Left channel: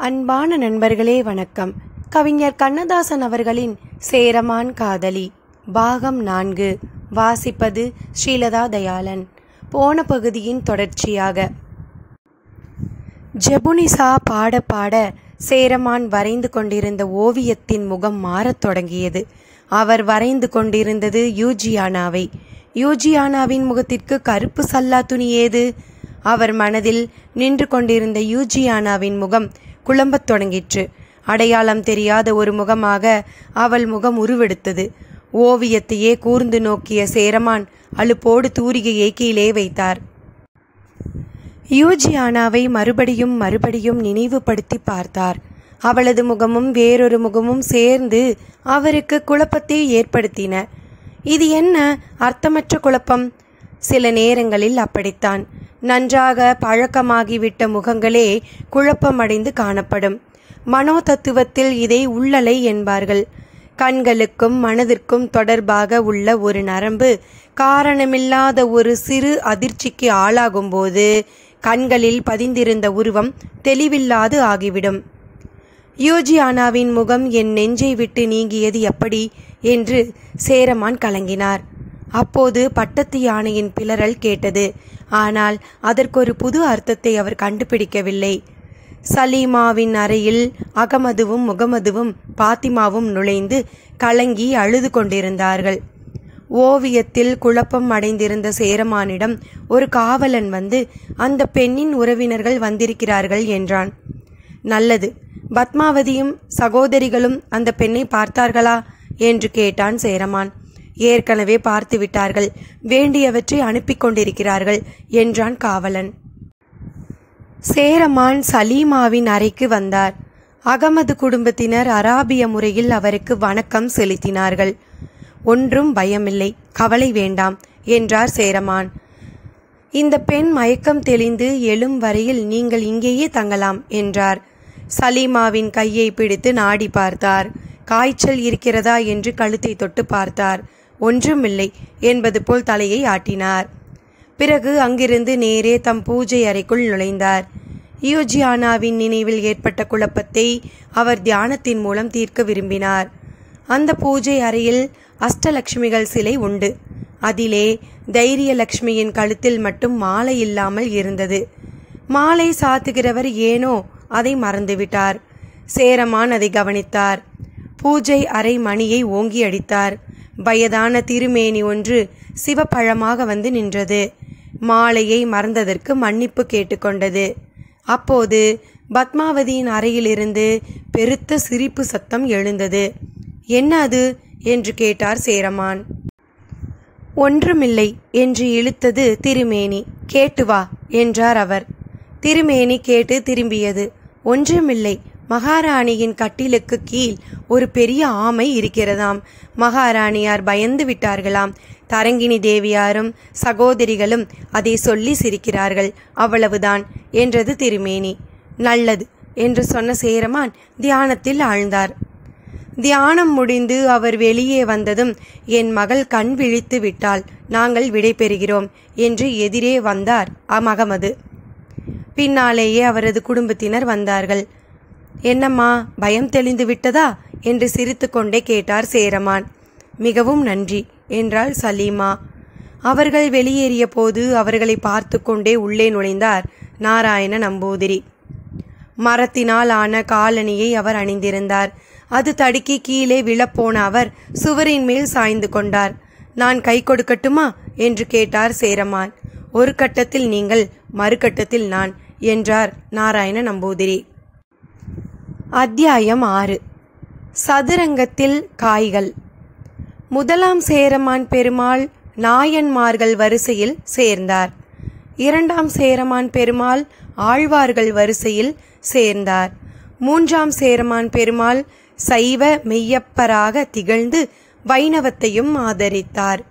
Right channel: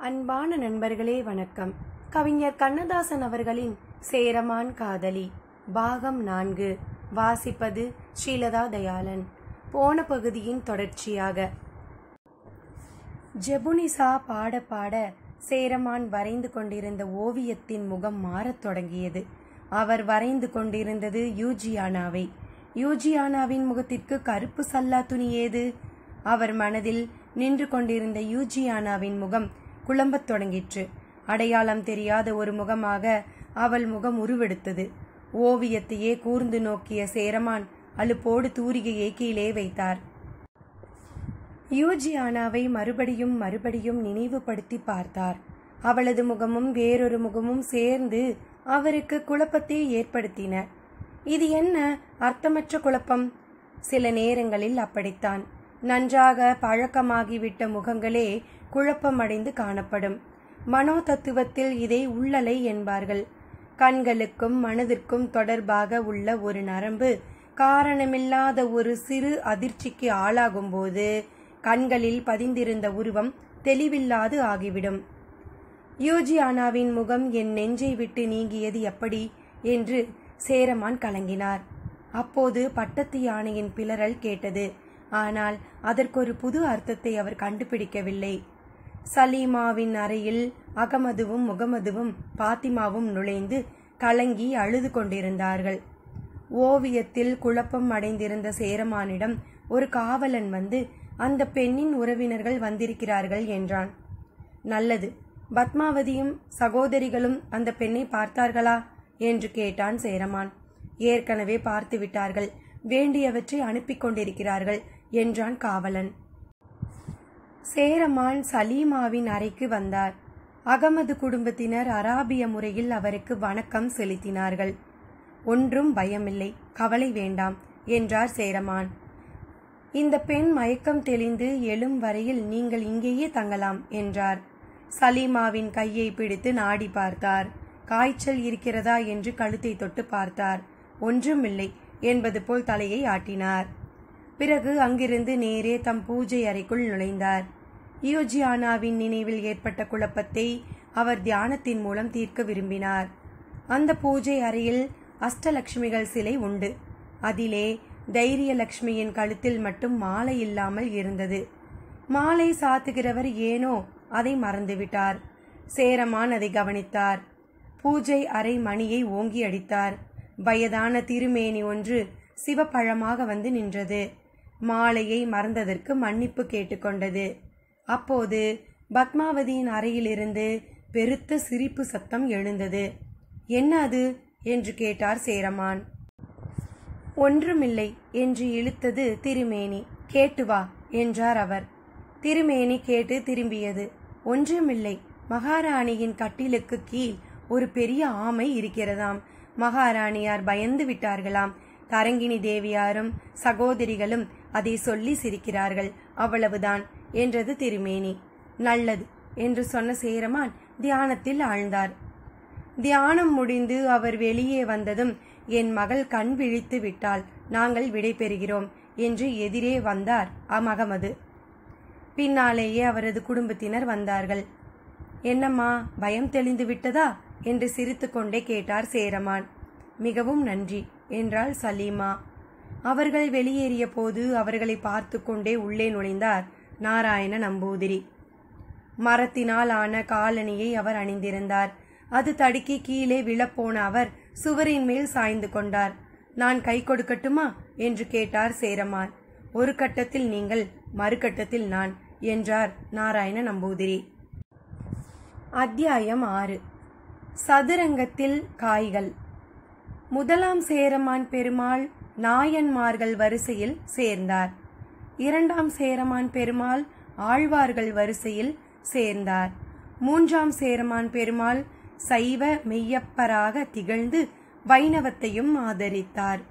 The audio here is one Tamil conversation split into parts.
அன்பான நண்பர்களே வணக்கம். கவிஞர் கண்ணதாசன் அவர்களின் சேரமான் காதலி பாகம் 4 வாசிப்பது ஸ்ரீலதா தயாளன். போன பகுதியின் தொடர்ச்சியாக. ஜெபுனிசா பாட பாட சேரமான் வரைந்து கொண்டிருந்த ஓவியத்தின் முகம் மாறத் தொடங்கியது. அவர் வரைந்து கொண்டிருந்தது யூஜியானாவை. யூஜியானாவின் முகத்திற்கு கருப்பு சல்லா துணி ஏது? அவர் மனதில் நின்று கொண்டிருந்த யூஜியானாவின் முகம் குழம்பத் தொடங்கிற்று. அடையாளம் தெரியாத ஒரு முகமாக அவள் முகம் உருவெடுத்தது. ஓவியத்தையே கூர்ந்து நோக்கிய சேரமான் அலுப்போடு தூரிகையை கீழே வைத்தார். யூஜியானாவை மறுபடியும் நினைவுபடுத்தி பார்த்தார். அவளது முகமும் வேறொரு முகமும் சேர்ந்து அவருக்கு குழப்பத்தை ஏற்படுத்தின. இது என்ன அர்த்தமற்ற குழப்பம்? சில நேரங்களில் அப்படித்தான். நன்றாக பழக்கமாகிவிட்ட முகங்களே குழப்பமடைந்து காணப்படும். மனோ தத்துவத்தில் இதை உள்ளலை என்பார்கள். கண்களுக்கும் மனதிற்கும் தொடர்பாக உள்ள ஒரு நரம்பு காரணமில்லாத ஒரு சிறு அதிர்ச்சிக்கு ஆளாகும்போது கண்களில் பதிந்திருந்த உருவம் தெளிவில்லாது ஆகிவிடும். யூஜியானாவின் முகம் என் நெஞ்சை விட்டு நீங்கியது எப்படி என்று சேரமான் கலங்கினார். அப்போது பட்டத்து யானையின் பிளறல் கேட்டது. ஆனால் அதற்கொரு புது அர்த்தத்தை அவர் கண்டுபிடிக்கவில்லை. சலீமாவின் அறையில் அகமதுவும் முகமதுவும் பாத்திமாவும் நுழைந்து கலங்கி அழுது கொண்டிருந்தார்கள். ஓவியத்தில் குழப்பம் அடைந்திருந்த சேரமானிடம் ஒரு காவலன் வந்து அந்த பெண்ணின் உறவினர்கள் வந்திருக்கிறார்கள் என்றான். நல்லது. பத்மாவதியும் சகோதரிகளும் அந்த பெண்ணை பார்த்தார்களா என்று கேட்டான் சேரமான். ஏற்கனவே பார்த்து விட்டார்கள், வேண்டியவற்றை அனுப்பி கொண்டிருக்கிறார்கள் என்றான் காவலன். சேரமான் சலீமாவின் அறைக்கு வந்தார். அகமது குடும்பத்தினர் அராபிய முறையில் அவருக்கு வணக்கம் செலுத்தினார்கள். ஒன்றும் பயமில்லை, கவலை வேண்டாம் என்றார் சேரமான். இந்த பெண் மயக்கம் தெளிந்து எழும் வரையில் நீங்கள் இங்கேயே தங்கலாம் என்றார். சலீமாவின் கையை பிடித்து நாடி பார்த்தார். காய்ச்சல் இருக்கிறதா என்று கழுத்தை தொட்டு பார்த்தார். ஒன்றுமில்லை என்பது போல் தலையை ஆட்டினார். பிறகு அங்கிருந்து நேரே தம் பூஜை அறைக்குள் நுழைந்தார். யூஜியானாவின் நினைவில் ஏற்பட்ட குழப்பத்தை அவர் தியானத்தின் மூலம் தீர்க்க விரும்பினார். அந்த பூஜை அறையில் அஷ்டலட்சுமிகள் சிலை உண்டு. அதிலே தைரியலட்சுமியின் கழுத்தில் மட்டும் மாலை இல்லாமல் இருந்தது. மாலை சாத்துகிறவர் ஏனோ அதை மறந்துவிட்டார். சேரமான் அதை கவனித்தார். பூஜை அறை மணியை ஓங்கி அடித்தார். வயதான திருமேனி ஒன்று சிவப்பழமாக வந்து நின்றது. மாலையை மறந்ததற்கு மன்னிப்பு கேட்டுக்கொண்டது. அப்போது பத்மாவதியின் அறையிலிருந்து பெருத்த சிரிப்பு சத்தம் எழுந்தது. என்ன அது என்று கேட்டார் சேரமான். ஒன்றுமில்லை என்று இழுத்தது திருமேனி. கேட்டு வா என்றார் அவர். திருமேனி கேட்டு திரும்பியது. ஒன்றுமில்லை, மகாராணியின் கட்டிலுக்கு கீழ் ஒரு பெரிய ஆமை இருக்கிறதாம். மகாராணியார் பயந்து விட்டார்களாம். தரங்கிணி தேவியாரும் சகோதரிகளும் அதை சொல்லி சிரிக்கிறார்கள், அவ்வளவுதான் என்றது திருமேனி. நல்லது என்று சொன்ன சேரமான் தியானத்தில் ஆழ்ந்தார். தியானம் முடிந்து அவர் வெளியே வந்ததும் என் மகள் கண் விழித்து விட்டால் நாங்கள் விடை பெறுகிறோம் என்று எதிரே வந்தார் அகமது. பின்னாலேயே அவரது குடும்பத்தினர் வந்தார்கள். என்னம்மா, பயம் தெளிந்து விட்டதா என்று சிரித்து கொண்டே கேட்டார் சேரமான். மிகவும் நன்றி என்றாள் சலீமா. அவர்கள் வெளியேறிய போது அவர்களை பார்த்து கொண்டே உள்ளே நுழைந்தார் நாராயண நம்பூதிரி. மரத்தினால் ஆன காலணியை அவர் அணிந்திருந்தார். அது தடுக்கி கீழே விழப்போன அவர் சுவரின் மேல் சாய்ந்து கொண்டார். நான் கை கொடுக்கட்டுமா என்று கேட்டார் சேரமான். ஒரு கட்டத்தில் நீங்கள், மறுகட்டத்தில் நான் என்றார் நாராயண நம்பூதிரி. அத்தியாயம் 6. சதுரங்கத்தில் காய்கள். முதலாம் சேரமான் பெருமாள் நாயன்மார்கள் வரிசையில் சேர்ந்தார். இரண்டாம் சேரமான் பெருமாள் ஆழ்வார்கள் வரிசையில் சேர்ந்தார். மூன்றாம் சேரமான் பெருமாள் சைவ மெய்யப்பராக திகழ்ந்து வைணவத்தையும் ஆதரித்தார்.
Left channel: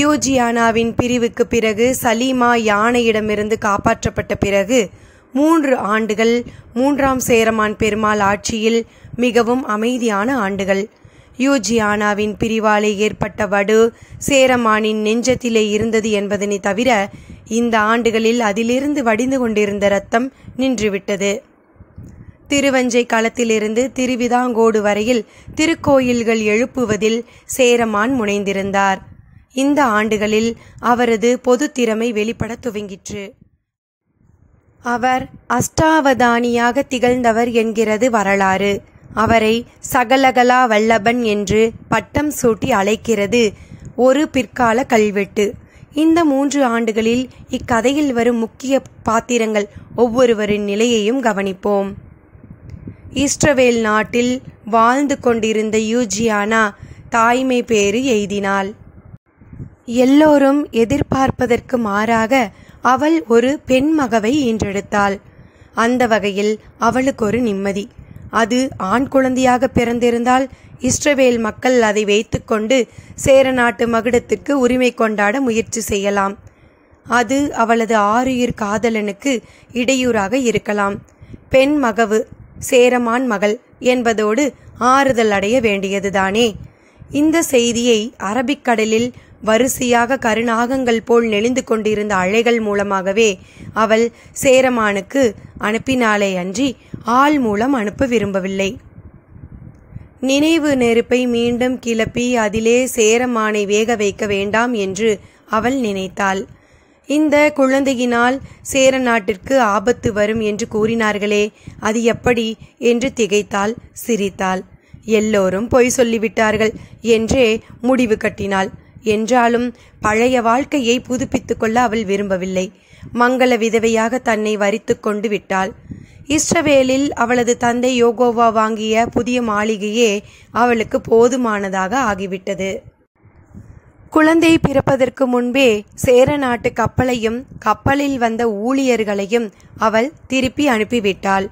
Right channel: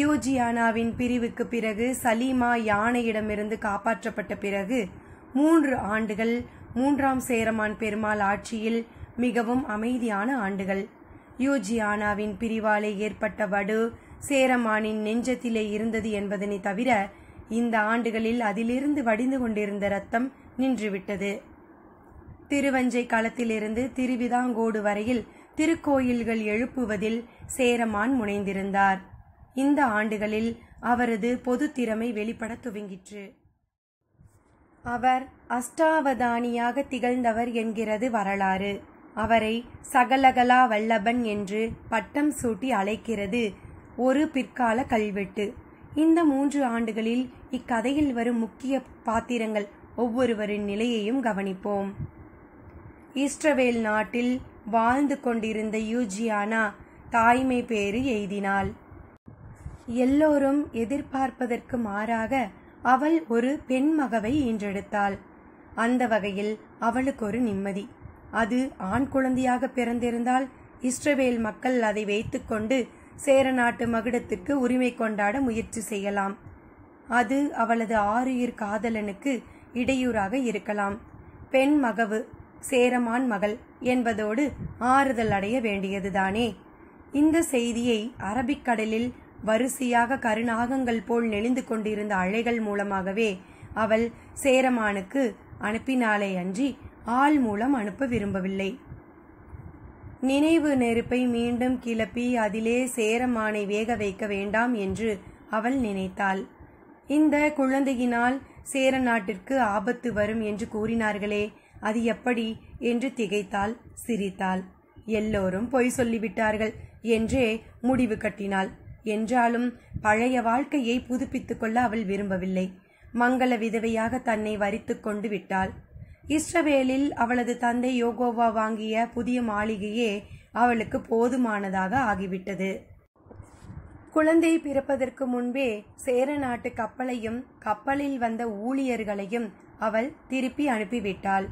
யூஜியானாவின் பிரிவுக்கு பிறகு சலீமா யானையிடமிருந்து காப்பாற்றப்பட்ட பிறகு 3 ஆண்டுகள் மூன்றாம் சேரமான் பெருமாள் ஆட்சியில் மிகவும் அமைதியான ஆண்டுகள். யூஜியானாவின் பிரிவாலே ஏற்பட்ட வடு சேரமானின் நெஞ்சத்திலே இருந்தது என்பதனை தவிர இந்த ஆண்டுகளில் அதிலிருந்து வடிந்து கொண்டிருந்த இரத்தம் நின்றுவிட்டது. திருவஞ்சை களத்திலிருந்து திருவிதாங்கோடு வரையில் திருக்கோயில்கள் எழுப்புவதில் சேரமான் முனைந்திருந்தார். இந்த ஆண்டுகளில் அவரது பொது திறமை வெளிப்பட துவங்கிற்று. அவர் அஷ்டாவதானியாக திகழ்ந்தவர் என்கிறது வரலாறு. அவரை சகலகலா வல்லபன் என்று பட்டம் சூட்டி அழைக்கிறது ஒரு பிற்கால கல்வெட்டு. இந்த 3 ஆண்டுகளில் இக்கதையில் வரும் முக்கிய பாத்திரங்கள் ஒவ்வொருவரின் நிலையையும் கவனிப்போம். இஸ்ரவேல் நாட்டில் வாழ்ந்து கொண்டிருந்த யூஜியானா தாய்மை பேறு எய்தினாள். எல்லோரும் எதிர்பார்ப்பதற்கு மாறாக அவள் ஒரு பெண் மகவை ஈன்றெடுத்தாள். அந்த வகையில் அவளுக்கு ஒரு நிம்மதி. அது ஆண் குழந்தையாக பிறந்திருந்தால் இஸ்ரவேல் மக்கள் அதை வைத்துக்கொண்டு சேர நாட்டு மகுடத்திற்கு உரிமை கொண்டாட முயற்சி செய்யலாம். அது அவளது ஆருயிர் காதலனுக்கு இடையூறாக இருக்கலாம். பெண் மகவு சேரமான் மகள் என்பதோடு ஆறுதல் அடைய வேண்டியதுதானே. இந்த செய்தியை அரபிக்கடலில் வரிசையாக கருநாகங்கள் போல் நெளிந்து கொண்டிருந்த அலைகள் மூலமாகவே அவள் சேரமானுக்கு அனுப்பினாலே அன்றி ஆள் மூலம் அனுப்ப விரும்பவில்லை. நினைவு நெருப்பை மீண்டும் கிளப்பி அதிலே சேரமானை வேக வைக்க வேண்டாம் என்று அவள் நினைத்தாள். இந்த குழந்தையினால் சேர நாட்டிற்கு ஆபத்து வரும் என்று கூறினார்களே, அது எப்படி என்று திகைத்தாள், சிரித்தாள். எல்லோரும் பொய் சொல்லிவிட்டார்கள் என்றே முடிவு கட்டினாள். என்றாலும் பழைய வாழ்க்கையை புதுப்பித்துக் கொள்ள அவள் விரும்பவில்லை. மங்கள விதவையாக தன்னை வரித்து கொண்டு விட்டாள். இஸ்ரவேலில் அவளது தந்தை யோகோவா வாங்கிய புதிய மாளிகையே அவளுக்கு போதுமானதாக ஆகிவிட்டது. குழந்தை பிறப்பதற்கு முன்பே சேர நாட்டு கப்பலையும் கப்பலில் வந்த ஊழியர்களையும் அவள் திருப்பி அனுப்பிவிட்டாள்.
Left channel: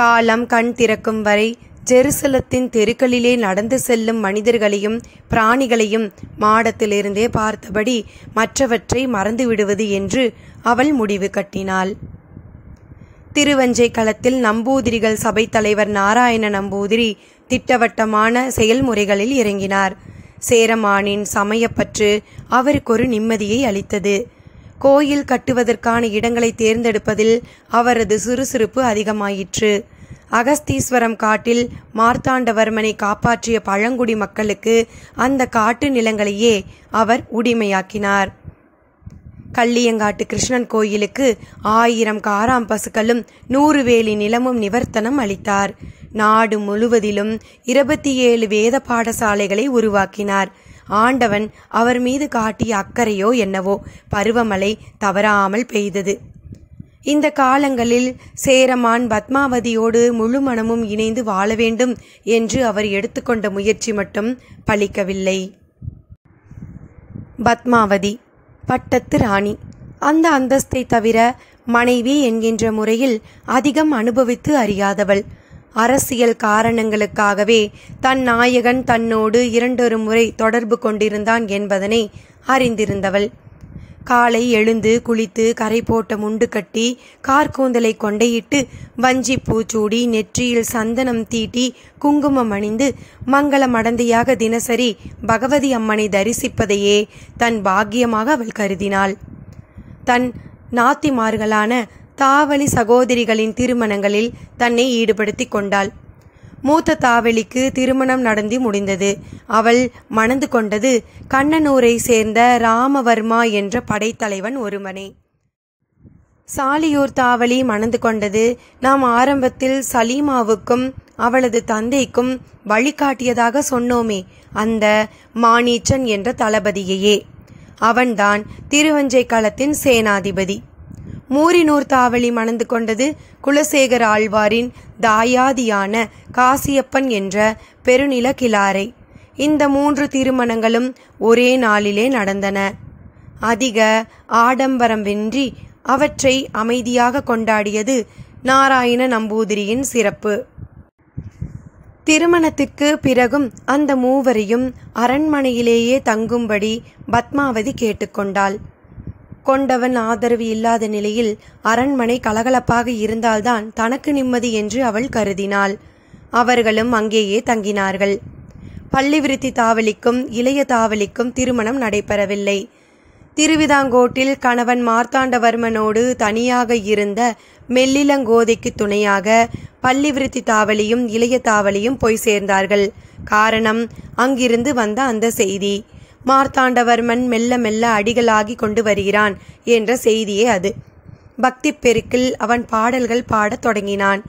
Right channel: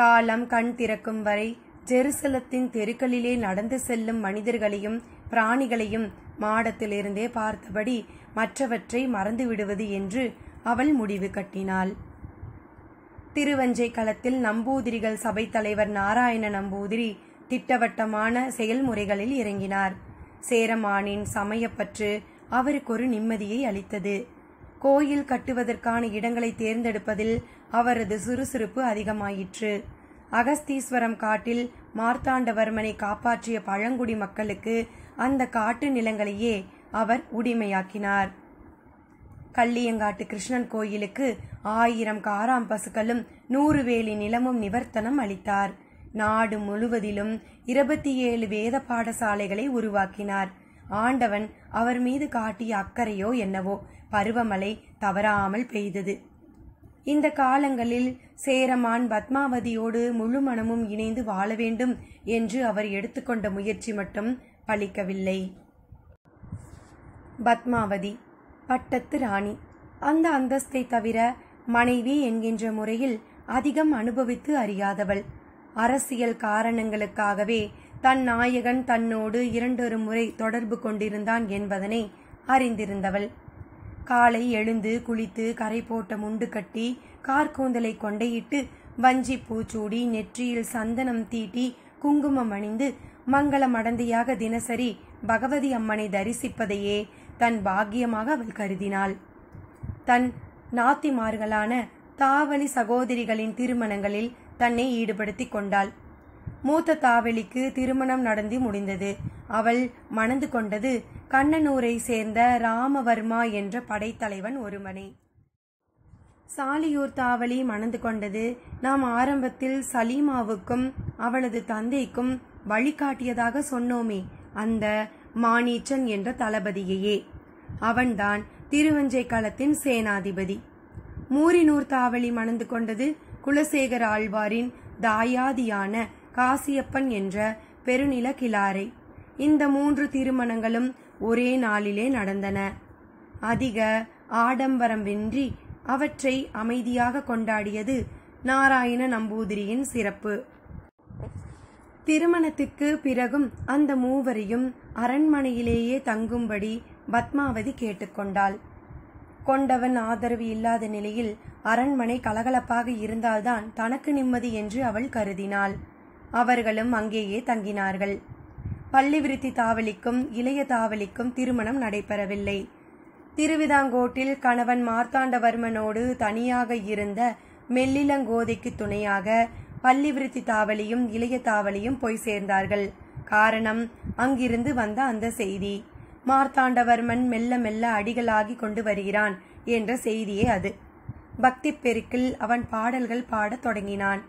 காலம் கண் திறக்கும் வரை ஜெருசலத்தின் தெருக்களிலே நடந்து செல்லும் மனிதர்களையும் பிராணிகளையும் மாடத்திலிருந்தே பார்த்தபடி மற்றவற்றை மறந்துவிடுவது என்று அவள் முடிவு கட்டினாள். திருவஞ்சை களத்தில் நம்பூதிரிகள் சபை தலைவர் நாராயண நம்பூதிரி திட்டவட்டமான செயல்முறைகளில் இறங்கினார். சேரமானின் சமயப்பற்று அவருக்கு ஒரு நிம்மதியை அளித்தது. கோயில் கட்டுவதற்கான இடங்களை தேர்ந்தெடுப்பதில் அவரது சுறுசுறுப்பு அதிகமாயிற்று. அகஸ்தீஸ்வரம் காட்டில் மார்த்தாண்டவர்மனை காப்பாற்றிய பழங்குடி மக்களுக்கு அந்த காட்டு நிலங்களையே அவர் உரிமையாக்கினார். கள்ளியங்காட்டு கிருஷ்ணன் கோயிலுக்கு 1000 காராம் பசுக்களும் 100 வேலி நிலமும் நிவர்த்தனம் அளித்தார். நாடு முழுவதிலும் 27 வேத பாடசாலைகளை உருவாக்கினார். ஆண்டவன் அவர் மீது காட்டிய அக்கறையோ என்னவோ பருவமழை தவறாமல் பெய்தது. இந்த காலங்களில் சேரமான் பத்மாவதியோடு முழு மனமும் இணைந்து வாழ வேண்டும் என்று அவர் எடுத்துக்கொண்ட முயற்சி மட்டும் பலிக்கவில்லை. பத்மாவதி பட்டத்து ராணி. அந்த அந்தஸ்தை தவிர மனைவி என்கின்ற முறையில் அதிகம் அனுபவித்து அறியாதவள். அரசியல் காரணங்களுக்காகவே தன் நாயகன் தன்னோடு 2 முறை தொடர்பு கொண்டிருந்தான் என்பதனை அறிந்திருந்தவள். காலை எழுந்து குளித்து கரை போட்ட முண்டு கட்டி கார்கூந்தலை கொண்டையிட்டு வஞ்சி பூச்சூடி நெற்றியில் சந்தனம் தீட்டி குங்குமம் அணிந்து மங்கள மடந்தையாக தினசரி பகவதி அம்மனை தரிசிப்பதையே தன் பாக்கியமாக அவள் கருதினாள். தன் நாத்திமார்களான தாவளி சகோதரிகளின் திருமணங்களில் தன்னை ஈடுபடுத்தி கொண்டாள். மூத்த தாவளிக்கு திருமணம் நடந்து முடிந்தது. அவள் மணந்து கொண்டது கண்ணனூரை சேர்ந்த ராமவர்மா என்ற படைத்தலைவன் ஒருவனை. சாலியூர் தாவளி மணந்து கொண்டது நாம் ஆரம்பத்தில் சலீமாவுக்கும் அவளது தந்தைக்கும் வழிகாட்டியதாக சொன்னோமே, அந்த மானீச்சன் என்ற தளபதியையே. அவன்தான் திருவஞ்சை களத்தின் சேனாதிபதி. மூரினூர் தாவளி மணந்து கொண்டது குலசேகர ஆழ்வாரின் தாயாதியான காசியப்பன் என்ற பெருநில கிளாரை. இந்த 3 திருமணங்களும் ஒரே நாளிலே நடந்தன. அதிக ஆடம்பரமின்றி அவற்றை அமைதியாக கொண்டாடியது நாராயண நம்பூதிரியின் சிறப்பு. திருமணத்திற்கு பிறகும் அந்த மூவரையும் அரண்மனையிலேயே தங்கும்படி பத்மாவதி கேட்டுக்கொண்டாள். கொண்டவன் ஆதரவு இல்லாத நிலையில் அரண்மனை கலகலப்பாக இருந்தால்தான் தனக்கு நிம்மதி என்று அவள் கருதினாள். அவர்களும் அங்கேயே தங்கினார்கள். பள்ளிவிருத்தி தாவளிக்கும் இளைய தாவளிக்கும் திருமணம் நடைபெறவில்லை. திருவிதாங்கோட்டில் கணவன் மார்த்தாண்டவர்மனோடு தனியாக இருந்த மெல்லிலங்கோதைக்கு துணையாக பள்ளிவிருத்தி தாவலியும் இளைய தாவலியும் போய் சேர்ந்தார்கள். காரணம், அங்கிருந்து வந்த அந்த செய்தி. மார்த்தாண்டவர்மன் மெல்ல மெல்ல அடிகளாகி கொண்டு வருகிறான் என்ற செய்தியே அது. பக்தி பெருக்கில் அவன் பாடல்கள் பாடத் தொடங்கினான்.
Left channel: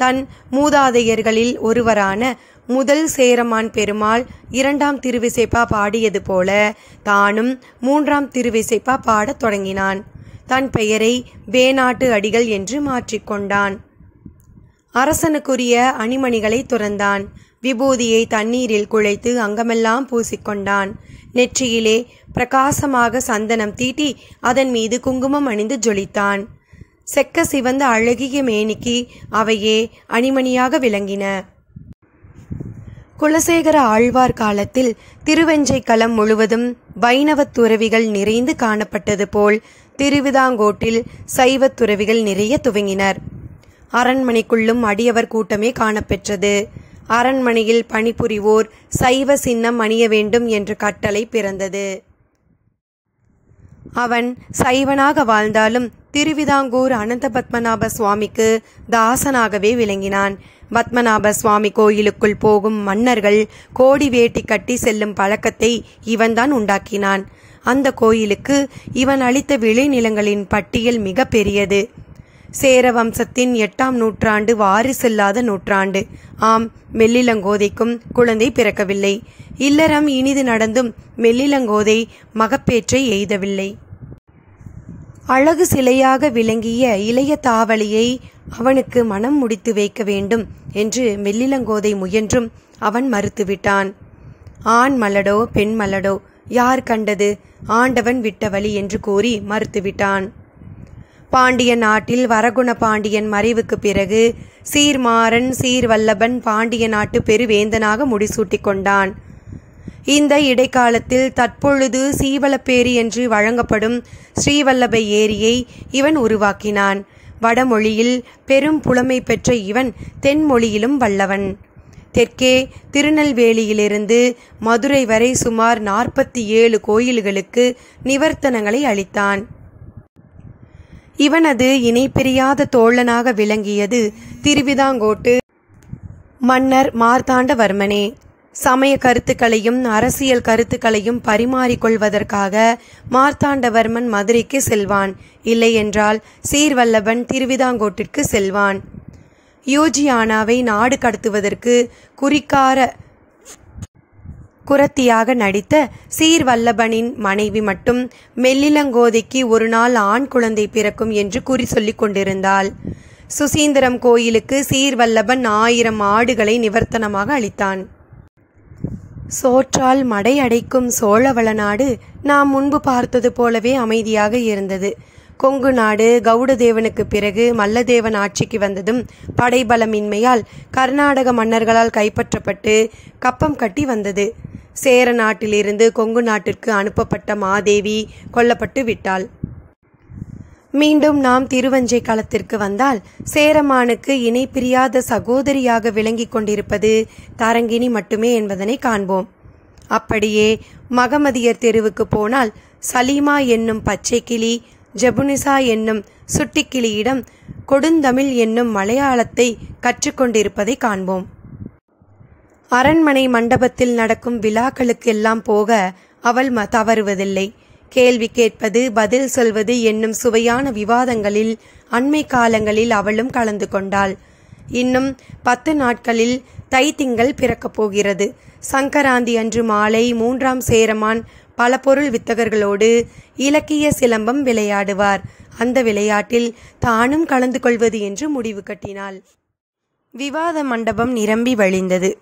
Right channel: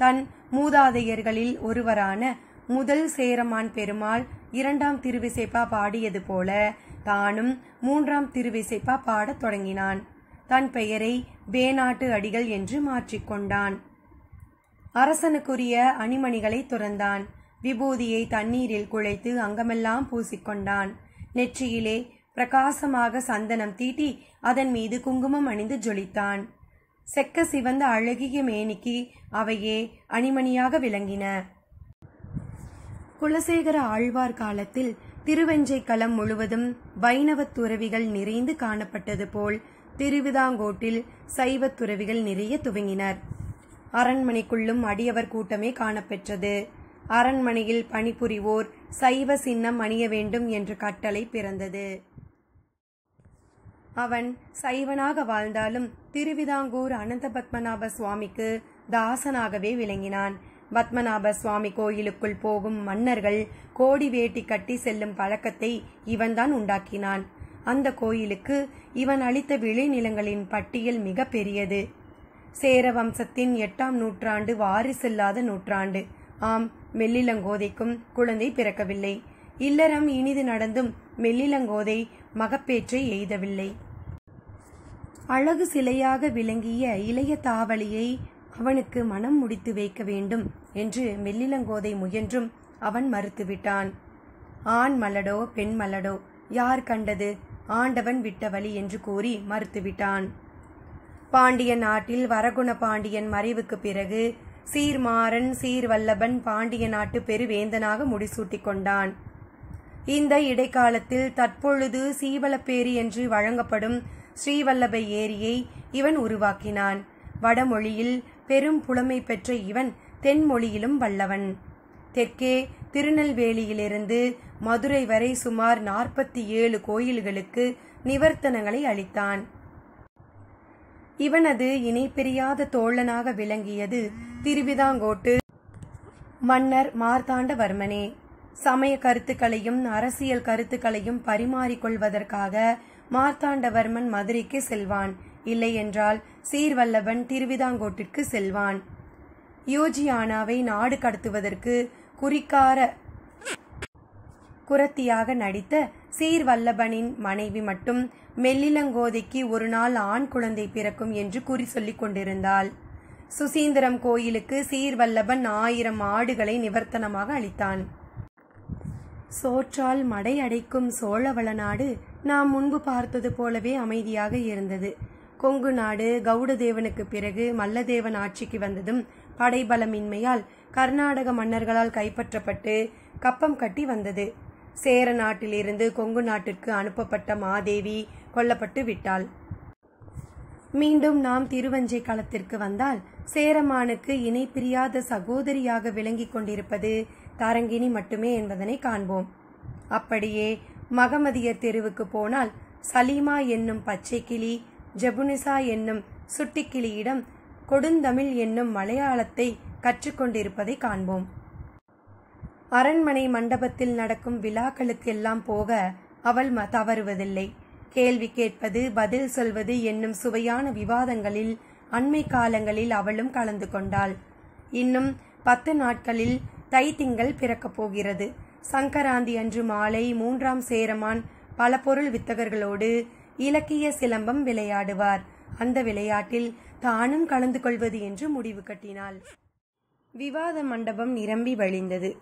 தன் மூதாதையர்களில் ஒருவரான முதல் சேரமான் பெருமாள் 2ஆம் திருவிசைப்பா பாடியது போல தானும் 3ஆம் திருவிசைப்பா பாடத் தொடங்கினான். தன் பெயரை வேணாட்டு அடிகள் என்று மாற்றிக்கொண்டான். அரசனுக்குரிய அணிமணிகளை துறந்தான். விபூதியை தண்ணீரில் குழைத்து அங்கமெல்லாம் பூசிக்கொண்டான். நெற்றியிலே பிரகாசமாக சந்தனம் தீட்டி அதன் மீது குங்குமம் அணிந்து ஜொலித்தான். செக்க சிவந்த அழகிய மேனிக்கு அவையே அணிமணியாக விளங்கின. குலசேகர ஆழ்வார் காலத்தில் திருவெஞ்சை களம் முழுவதும் வைணவத் துறவிகள் நிறைந்து காணப்பட்டது போல் திருவிதாங்கோட்டில் சைவத் துறவிகள் நிறைய துவங்கினர். அரண்மனைக்குள்ளும் அடியவர் கூட்டமே காணப்பெற்றது. அரண்மனையில் பணிபுரிவோர் சைவ சின்னம் அணிய வேண்டும் என்ற கட்டளை பிறந்தது. அவன் சைவனாக வாழ்ந்தாலும் திருவிதாங்கூர் அனந்த பத்மநாப சுவாமிக்கு தாசனாகவே விளங்கினான். பத்மநாப சுவாமி கோயிலுக்குள் போகும் மன்னர்கள் கோடி வேட்டி கட்டி செல்லும் பழக்கத்தை இவன்தான் உண்டாக்கினான். அந்த கோயிலுக்கு இவன் அளித்த விளைநிலங்களின் பட்டியல் மிக பெரியது. சேர வம்சத்தின் 8ஆம் நூற்றாண்டு வாரிசில்லாத நூற்றாண்டு. ஆம், மெல்லிலங்கோதைக்கும் குழந்தை பிறக்கவில்லை. இல்லறம் இனிது நடந்தும் மெல்லிலங்கோதை மகப்பேற்றை எய்தவில்லை. அழகு சிலையாக விளங்கிய இளைய தாவலியை அவனுக்கு மனம் முடித்து வைக்க வேண்டும் என்று மெல்லிலங்கோதை முயன்றும் அவன் மறுத்துவிட்டான். ஆண் மலடோ பெண் மலடோ யார் கண்டது, ஆண்டவன் விட்ட வழி என்று கூறி மறுத்துவிட்டான். பாண்டிய நாட்டில் வரகுண பாண்டியன் மறைவுக்கு பிறகு சீர்மாறன் சீர்வல்லபன் பாண்டிய நாட்டு பெருவேந்தனாக முடிசூட்டி கொண்டான். இந்த இடைக்காலத்தில் தற்பொழுது சீவலப்பேரி என்று வழங்கப்படும் ஸ்ரீவல்லப ஏரியை இவன் உருவாக்கினான். வடமொழியில் பெரும் புலமை பெற்ற இவன் தென்மொழியிலும் வல்லவன். தெற்கே திருநெல்வேலியிலிருந்து மதுரை வரை சுமார் 47 கோயில்களுக்கு நிவர்த்தனங்களை அளித்தான். இவனது இணை பிரியாத தோழனாக விளங்கியது திருவிதாங்கோட்டு மன்னர் மார்த்தாண்டவர்மனே. சமய கருத்துக்களையும் அரசியல் கருத்துக்களையும் பரிமாறிக்கொள்வதற்காக மார்த்தாண்டவர்மன் மதுரைக்கு செல்வான். இல்லையென்றால் சீர்வல்லபன் திருவிதாங்கோட்டிற்கு செல்வான். யோஜியானாவை நாடு கடத்துவதற்கு குரத்தியாக நடித்த சீர்வல்லபனின் மனைவி மட்டும் மெல்லிலங்கோதைக்கு ஒரு நாள் ஆண் குழந்தை பிறக்கும் என்று குறி சொல்லிக் கொண்டிருந்தாள். சுசீந்திரம் கோயிலுக்கு சீர்வல்லபன் 1000 ஆடுகளை நிவர்த்தனமாக அளித்தான். சோற்றால் மடை அடைக்கும் சோழவள நாடு நாம் முன்பு பார்த்தது போலவே அமைதியாக இருந்தது. கொங்கு நாடு கவுடதேவனுக்கு பிறகு மல்லதேவன் ஆட்சிக்கு வந்ததும் படைபலமின்மையால் கர்நாடக மன்னர்களால் கைப்பற்றப்பட்டு கப்பம் கட்டி வந்தது. சேர நாட்டிலிருந்து கொங்கு நாட்டிற்கு அனுப்பப்பட்ட மாதேவி கொல்லப்பட்டு விட்டாள். மீண்டும் நாம் திருவஞ்சை களத்திற்கு வந்தால் சேரமானுக்கு இணை பிரியாத சகோதரியாக விளங்கி கொண்டிருப்பது தரங்கிணி மட்டுமே என்பதனை காண்போம். அப்படியே மகமதியர் தெருவுக்கு போனால் சலீமா என்னும் பச்சை கிளி, ஜபுனிசா என்னும் சுட்டிக்கிளியிடம் கொடுந்தமிழ் என்னும் மலையாளத்தை கற்றுக்கொண்டிருப்பதை காண்போம். அரண்மனை மண்டபத்தில் நடக்கும் விழாக்களுக்கெல்லாம் போக அவள் தவறுவதில்லை. கேள்வி கேட்பது, பதில் சொல்வது என்னும் சுவையான விவாதங்களில் அண்மை காலங்களில் அவளும் கலந்து கொண்டாள். இன்னும் 10 நாட்களில் தைத்திங்கள் பிறக்கப் போகிறது. சங்கராந்தி அன்று மாலை 3ஆம் சேரமான் பல பொருள் வித்தகர்களோடு இலக்கிய சிலம்பம் விளையாடுவார். அந்த விளையாட்டில் தானும் கலந்து கொள்வது என்று முடிவு கட்டினாள். விவாத மண்டபம் நிரம்பி வழிந்தது.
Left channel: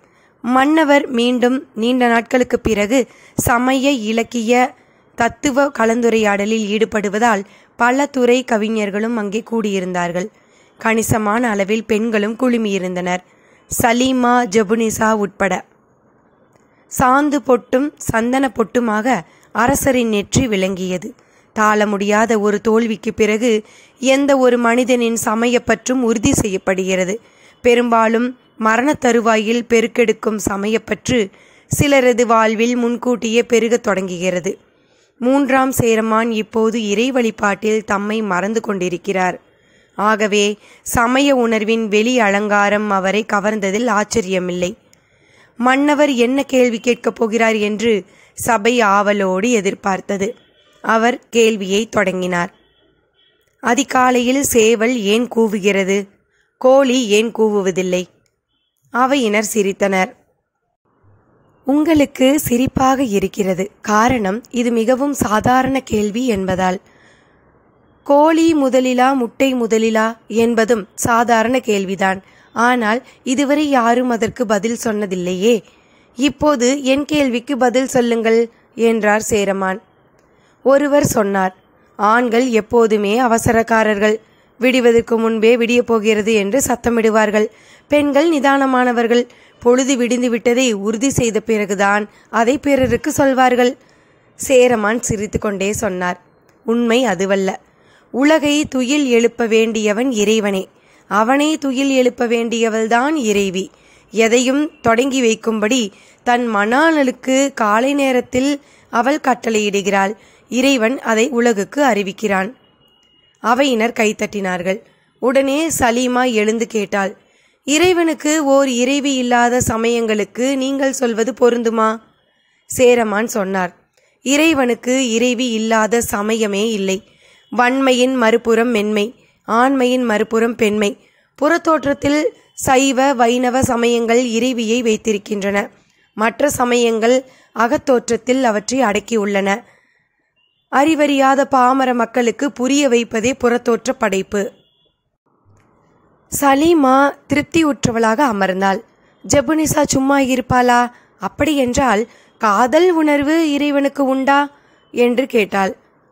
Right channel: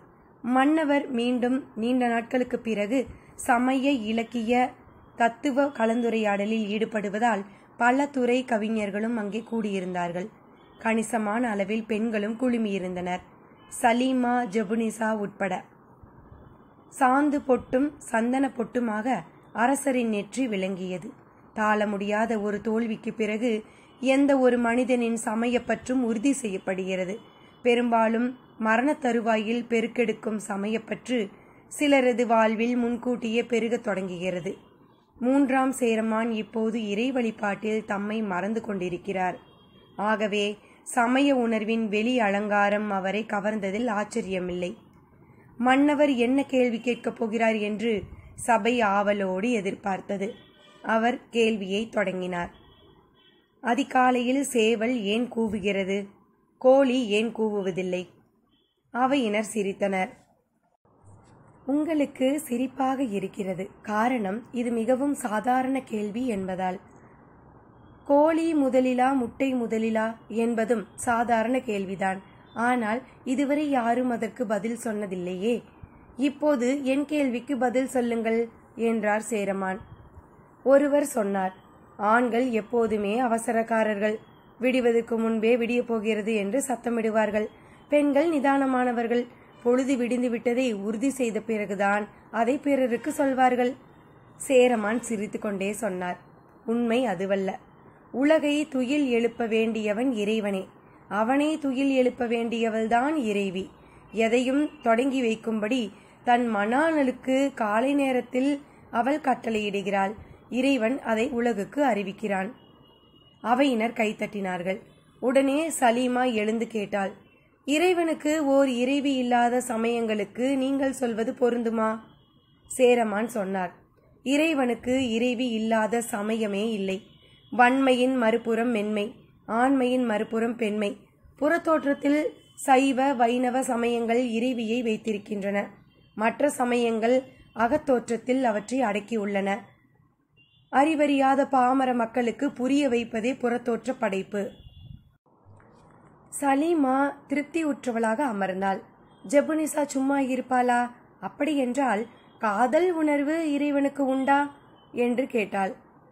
மன்னவர் மீண்டும் நீண்ட நாட்களுக்கு பிறகு சமய இலக்கிய தத்துவ கலந்துரையாடலில் ஈடுபடுவதால் பல துறை கவிஞர்களும் அங்கே கூடியிருந்தார்கள். கணிசமான அளவில் பெண்களும் குழுமியிருந்தனர். சலீமா, ஜபுனிசா உட்பட. சாந்து பொட்டும் சந்தன பொட்டுமாக அரசரின் நெற்றி விளங்கியது. தாள முடியாத ஒரு தோல்விக்கு பிறகு எந்த ஒரு மனிதனின் சமயப்பற்றும் உறுதி செய்யப்படுகிறது. பெரும்பாலும் மரண தருவாயில் பெருக்கெடுக்கும் சமயப்பற்று சிலரது வாழ்வில் முன்கூட்டியே பெருகத் தொடங்குகிறது. 3ஆம் சேரமான் இப்போது இறை வழிபாட்டில் தம்மை மறந்து கொண்டிருக்கிறார். ஆகவே சமய உணர்வின் வெளி அலங்காரம் அவரை கவர்ந்ததில் ஆச்சரியமில்லை. மன்னவர் என்ன கேள்வி கேட்கப் போகிறார் என்று சபை ஆவலோடு எதிர்பார்த்தது. அவர் கேள்வியை தொடங்கினார். அதிகாலையில் சேவல் ஏன் கூவுகிறது? கோழி ஏன் கூவுவதில்லை? அவையினர் சிரித்தனர். உங்களுக்கு சிரிப்பாக இருக்கிறது. காரணம், இது மிகவும் சாதாரண கேள்வி என்பதால். கோழி முதலிலா முட்டை முதலிலா என்பதும் சாதாரண கேள்விதான். ஆனால் இதுவரை யாரும் அதற்கு பதில் சொன்னதில்லையே. இப்போது என் கேள்விக்கு பதில் சொல்லுங்கள் என்றார் சேரமான். ஒருவர் சொன்னார், ஆண்கள் எப்போதுமே அவசரக்காரர்கள். விடிவதற்கு முன்பே விடியப் போகிறது என்று சத்தமிடுவார்கள். பெண்கள் நிதானமானவர்கள். பொழுது விடிந்து விட்டதை உறுதி செய்த பிறகுதான் அதை பிறருக்கு சொல்வார்கள். சேரமான் சிரித்து கொண்டே சொன்னார், உண்மை அதுவல்ல. உலகை துயில் எழுப்ப வேண்டியவன் இறைவனே. அவனை துயில் எழுப்ப வேண்டியவள்தான் இறைவி. எதையும் தொடங்கி வைக்கும்படி தன் மணாளனுக்கு காலை நேரத்தில் அவள் கட்டளையிடுகிறாள். இறைவன் அதை உலகுக்கு அறிவிக்கிறான். அவையினர் கைத்தட்டினார்கள். உடனே சலீமா எழுந்து கேட்டாள், இறைவனுக்கு ஓர் இறைவி இல்லாத சமயங்களுக்கு நீங்கள் சொல்வது பொருந்துமா? சேரமான் சொன்னார், இறைவனுக்கு இறைவி இல்லாத சமயமே இல்லை. வன்மையின் மறுபுறம் மென்மை, ஆண்மையின் மறுபுறம் பெண்மை. புறத்தோற்றத்தில் சைவ வைணவ சமயங்கள் இறைவியை வைத்திருக்கின்றன. மற்ற சமயங்கள் அகத்தோற்றத்தில் அவற்றை அடக்கியுள்ளன. அறிவறியாத பாமர மக்களுக்கு புரிய வைப்பதே புறத்தோற்ற படைப்பு. சலீமா திருப்தியுற்றவளாக அமர்ந்தாள். ஜெபுனிசா சும்மா இருப்பாளா? அப்படியென்றால் காதல் உணர்வு இறைவனுக்கு உண்டா என்று கேட்டாள்.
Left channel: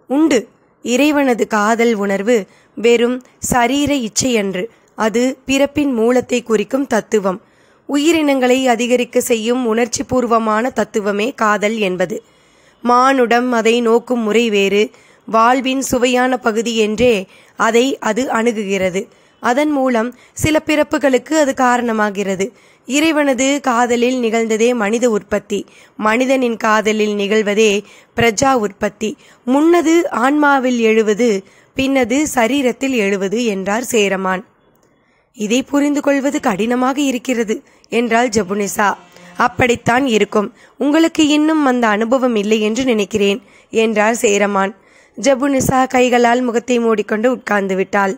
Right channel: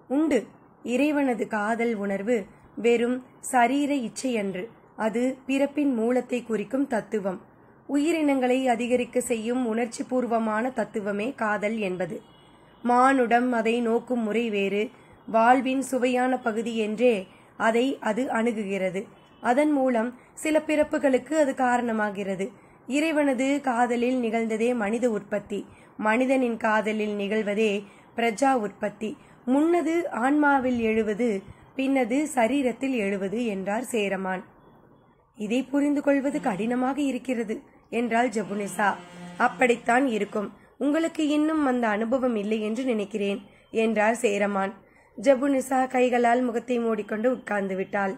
உண்டு. இறைவனது காதல் உணர்வு வெறும் சரீர இச்சையன்று. அது பிறப்பின் மூலத்தை குறிக்கும் தத்துவம். உயிரினங்களை அதிகரிக்க செய்யும் உணர்ச்சி பூர்வமான தத்துவமே காதல் என்பது. மானுடம் அதை நோக்கும் முறை வேறு. வாழ்வின் சுவையான பகுதி என்றே அதை அது அணுகுகிறது. அதன் மூலம் சில பிறப்புகளுக்கு அது காரணமாகிறது. இறைவனது காதலில் நிகழ்ந்ததே மனித உற்பத்தி. மனிதனின் காதலில் நிகழ்வதே பிரஜா உற்பத்தி. முன்னது ஆன்மாவில் எழுவது, பின்னது சரீரத்தில் எழுவது என்றார் சேரமான். இதை புரிந்து கொள்வது கடினமாக இருக்கிறது என்றாள் ஜெபுனிசா. அப்படித்தான் இருக்கும். உங்களுக்கு இன்னும் அந்த அனுபவம் இல்லை என்று நினைக்கிறேன் என்றார் சேரமான். ஜெபுனிசா கைகளால் முகத்தை மூடிக்கொண்டு உட்கார்ந்து விட்டாள்.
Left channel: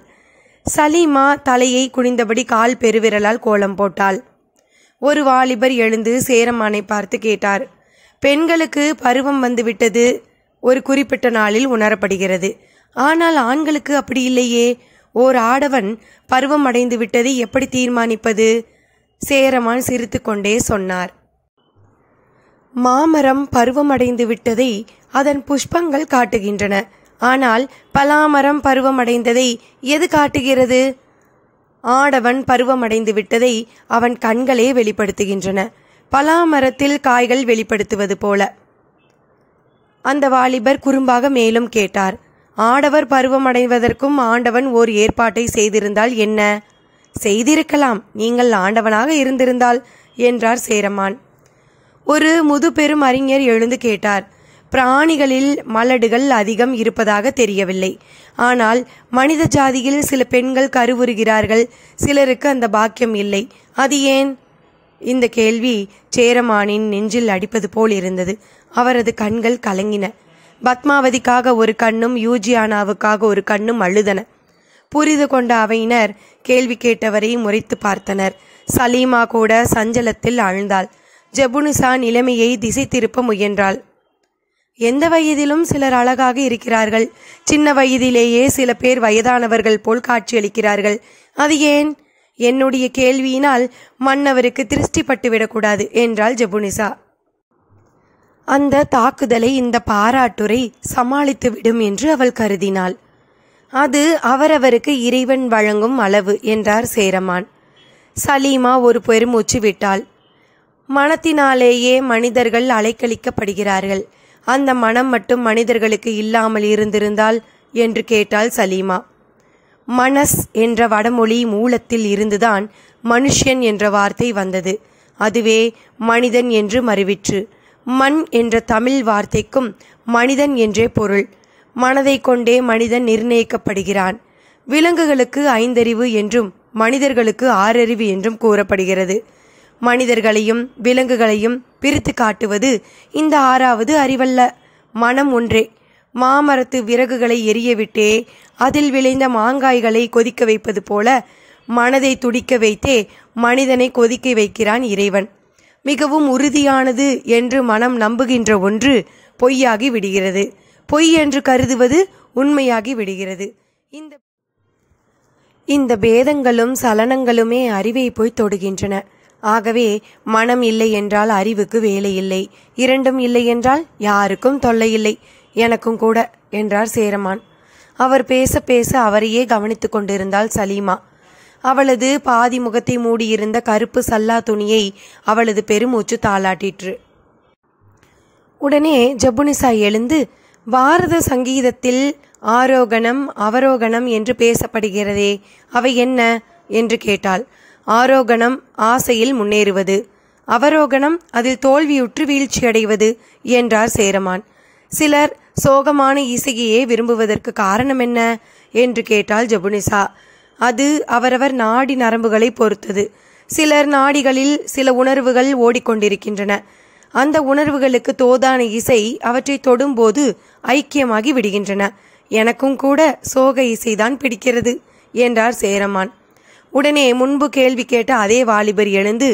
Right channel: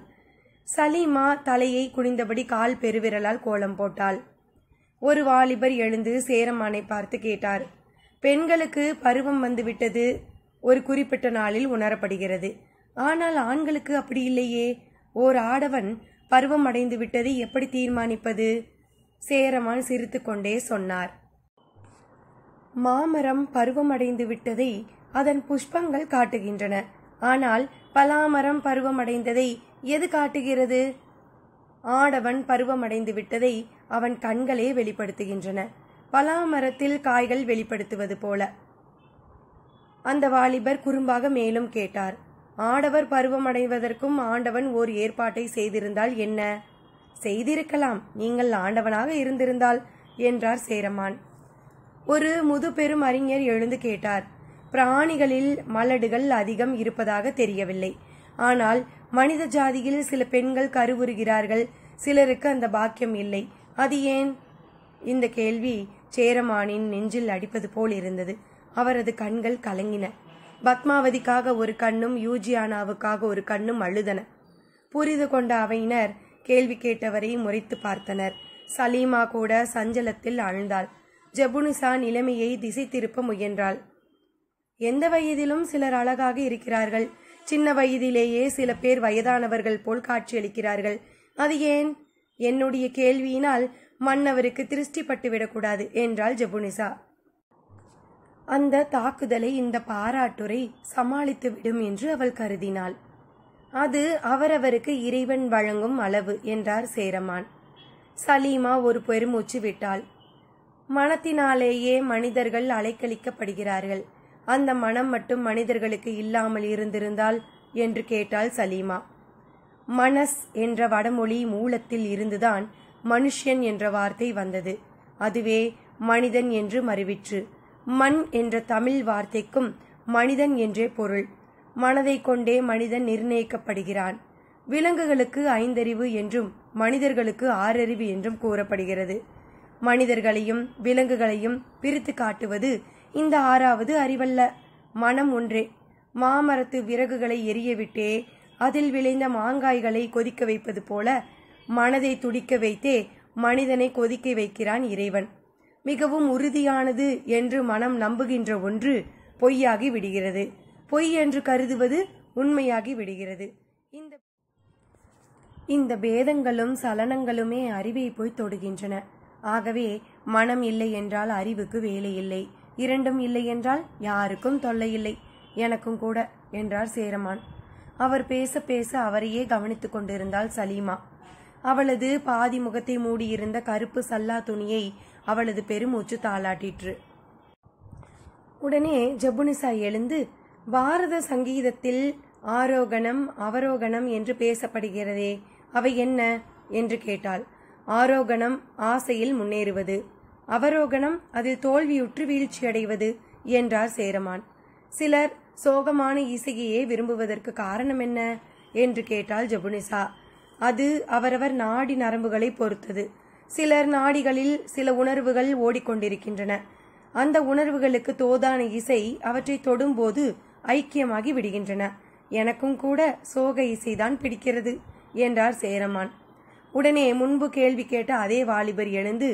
சலீமா தலையை குனிந்தபடி கால் பெருவிரலால் கோலம் போட்டாள். ஒரு வாலிபர் எழுந்து சேரமானை பார்த்து கேட்டார், பெண்களுக்கு பருவம் வந்துவிட்டது ஒரு குறிப்பிட்ட நாளில் உணரப்படுகிறது. ஆனால் ஆண்களுக்கு அப்படி இல்லையே. ஓர் ஆடவன் பருவம் அடைந்து விட்டதை எப்படி தீர்மானிப்பது? சேரமான் சிரித்து கொண்டே சொன்னார், மாமரம் பருவமடைந்து விட்டதை அதன் புஷ்பங்கள் காட்டுகின்றன. ஆனால் பலாமரம் பருவமடைந்ததை எது காட்டுகிறது? ஆடவன் பருவமடைந்து விட்டதை அவன் கண்களே வெளிப்படுத்துகின்றன. பலாமரத்தில் காய்கள் வெளிப்படுத்துவது போல. அந்த வாலிபர் குறும்பாக மேலும் கேட்டார், ஆடவர் பருவமடைவதற்கும் ஆண்டவன் ஓர் ஏற்பாட்டை செய்திருந்தால் என்ன? செய்திருக்கலாம், நீங்கள் ஆண்டவனாக இருந்திருந்தால் என்றார் சேரமான். ஒரு முதுபெரும் அறிஞர் எழுந்து கேட்டார், பிராணிகளில் மலடுகள் அதிகம் இருப்பதாக தெரியவில்லை. ஆனால் மனித ஜாதியில் சில பெண்கள் கருவுறுகிறார்கள். சிலருக்கு அந்த பாக்கியம் இல்லை. அது ஏன்? இந்த கேள்வி சேரமானின் நெஞ்சில் அடிப்பது போல் இருந்தது. அவரது கண்கள் கலங்கின. பத்மாவதிக்காக ஒரு கண்ணும் யூஜியானாவுக்காக ஒரு கண்ணும் அழுதன. புரிந்து கொண்ட அவையினர் கேள்வி கேட்டவரை முறைத்து பார்த்தனர். சலீமா கூட சஞ்சலத்தில் ஆழ்ந்தாள். ஜெபுனிசா நிலைமையை திசை திருப்ப முயன்றாள். எந்த வயதிலும் சிலர் அழகாக இருக்கிறார்கள். சின்ன வயதிலேயே சில பேர் வயதானவர்கள் போல் காட்சியளிக்கிறார்கள். அது ஏன்? என்னுடைய கேள்வியினால் மன்னவருக்கு திருஷ்டி பட்டுவிடக்கூடாது என்றாள் ஜெபுனிசா. அந்த தாக்குதலை இந்த பாராட்டுரை சமாளித்து விடும் என்று அவள் கருதினாள். அது அவரவருக்கு இறைவன் வழங்கும் அளவு என்றார் சேரமான். சலீமா ஒரு பெருமூச்சு விட்டாள். மனத்தினாலேயே மனிதர்கள் அலைக்கழிக்கப்படுகிறார்கள். அந்த மனம் மட்டும் மனிதர்களுக்கு இல்லாமல் இருந்திருந்தால் என்று கேட்டாள் சலீமா. மனஸ் என்ற வடமொழி மூலத்தில் இருந்துதான் மனுஷன் என்ற வார்த்தை வந்தது. அதுவே மனிதன் என்று மருவிற்று. மண் என்ற தமிழ் வார்த்தைக்கும் மனிதன் என்றே பொருள். மனதை கொண்டே மனிதன் நிர்ணயிக்கப்படுகிறான். விலங்குகளுக்கு 5 அறிவு என்றும் மனிதர்களுக்கு 6 அறிவு என்றும் கூறப்படுகிறது. மனிதர்களையும் விலங்குகளையும் பிரித்து காட்டுவது இந்த 6வது அறிவல்ல, மனம் ஒன்றே. மாமரத்து விறகுகளை எரியவிட்டே அதில் விளைந்த மாங்காய்களை கொதிக்க வைப்பது போல மனதை துடிக்க வைத்தே மனிதனை கொதிக்க வைக்கிறான் இறைவன். மிகவும் உறுதியானது என்று மனம் நம்புகின்ற ஒன்று பொய்யாகி விடுகிறது. பொய் என்று கருதுவது உண்மையாகி விடுகிறது. இந்த பேதங்களும் சலனங்களுமே அறிவை போய் தொடுகின்றன. ஆகவே மனம் இல்லை என்றால் அறிவுக்கு வேலை இல்லை, இரண்டும் இல்லை என்றால் யாருக்கும் தொல்லை இல்லை, எனக்கும் கூட என்றார் சேரமான். அவர் பேச பேச அவரையே கவனித்து கொண்டிருந்தாள் சலீமா. அவளது பாதி முகத்தை மூடியிருந்த கருப்பு சல்லா துணியை அவளது பெருமூச்சு தாளாட்டிற்று. உடனே ஜபுனிசா எழுந்து, பாரத சங்கீதத்தில் ஆரோகணம் அவரோகணம் என்று பேசப்படுகிறதே, அவை என்ன என்று கேட்டாள். ஆரோகணம் ஆசையில் முன்னேறுவது, அவரோகணம் அதில் தோல்வியுற்று வீழ்ச்சியடைவது என்றார் சேரமான். சிலர் சோகமான இசையையே விரும்புவதற்கு காரணம் என்ன என்று கேட்டாள் ஜபுனிசா. அது அவரவர் நாடி நரம்புகளை பொறுத்தது. சிலர் நாடிகளில் சில உணர்வுகள் ஓடிக்கொண்டிருக்கின்றன. அந்த உணர்வுகளுக்கு தோதான இசை அவற்றை தொடும்போது ஐக்கியமாகி விடுகின்றன. எனக்கும் கூட சோக இசைதான் பிடிக்கிறது என்றார் சேரமான். உடனே முன்பு கேள்வி கேட்ட அதே வாலிபர் எழுந்து,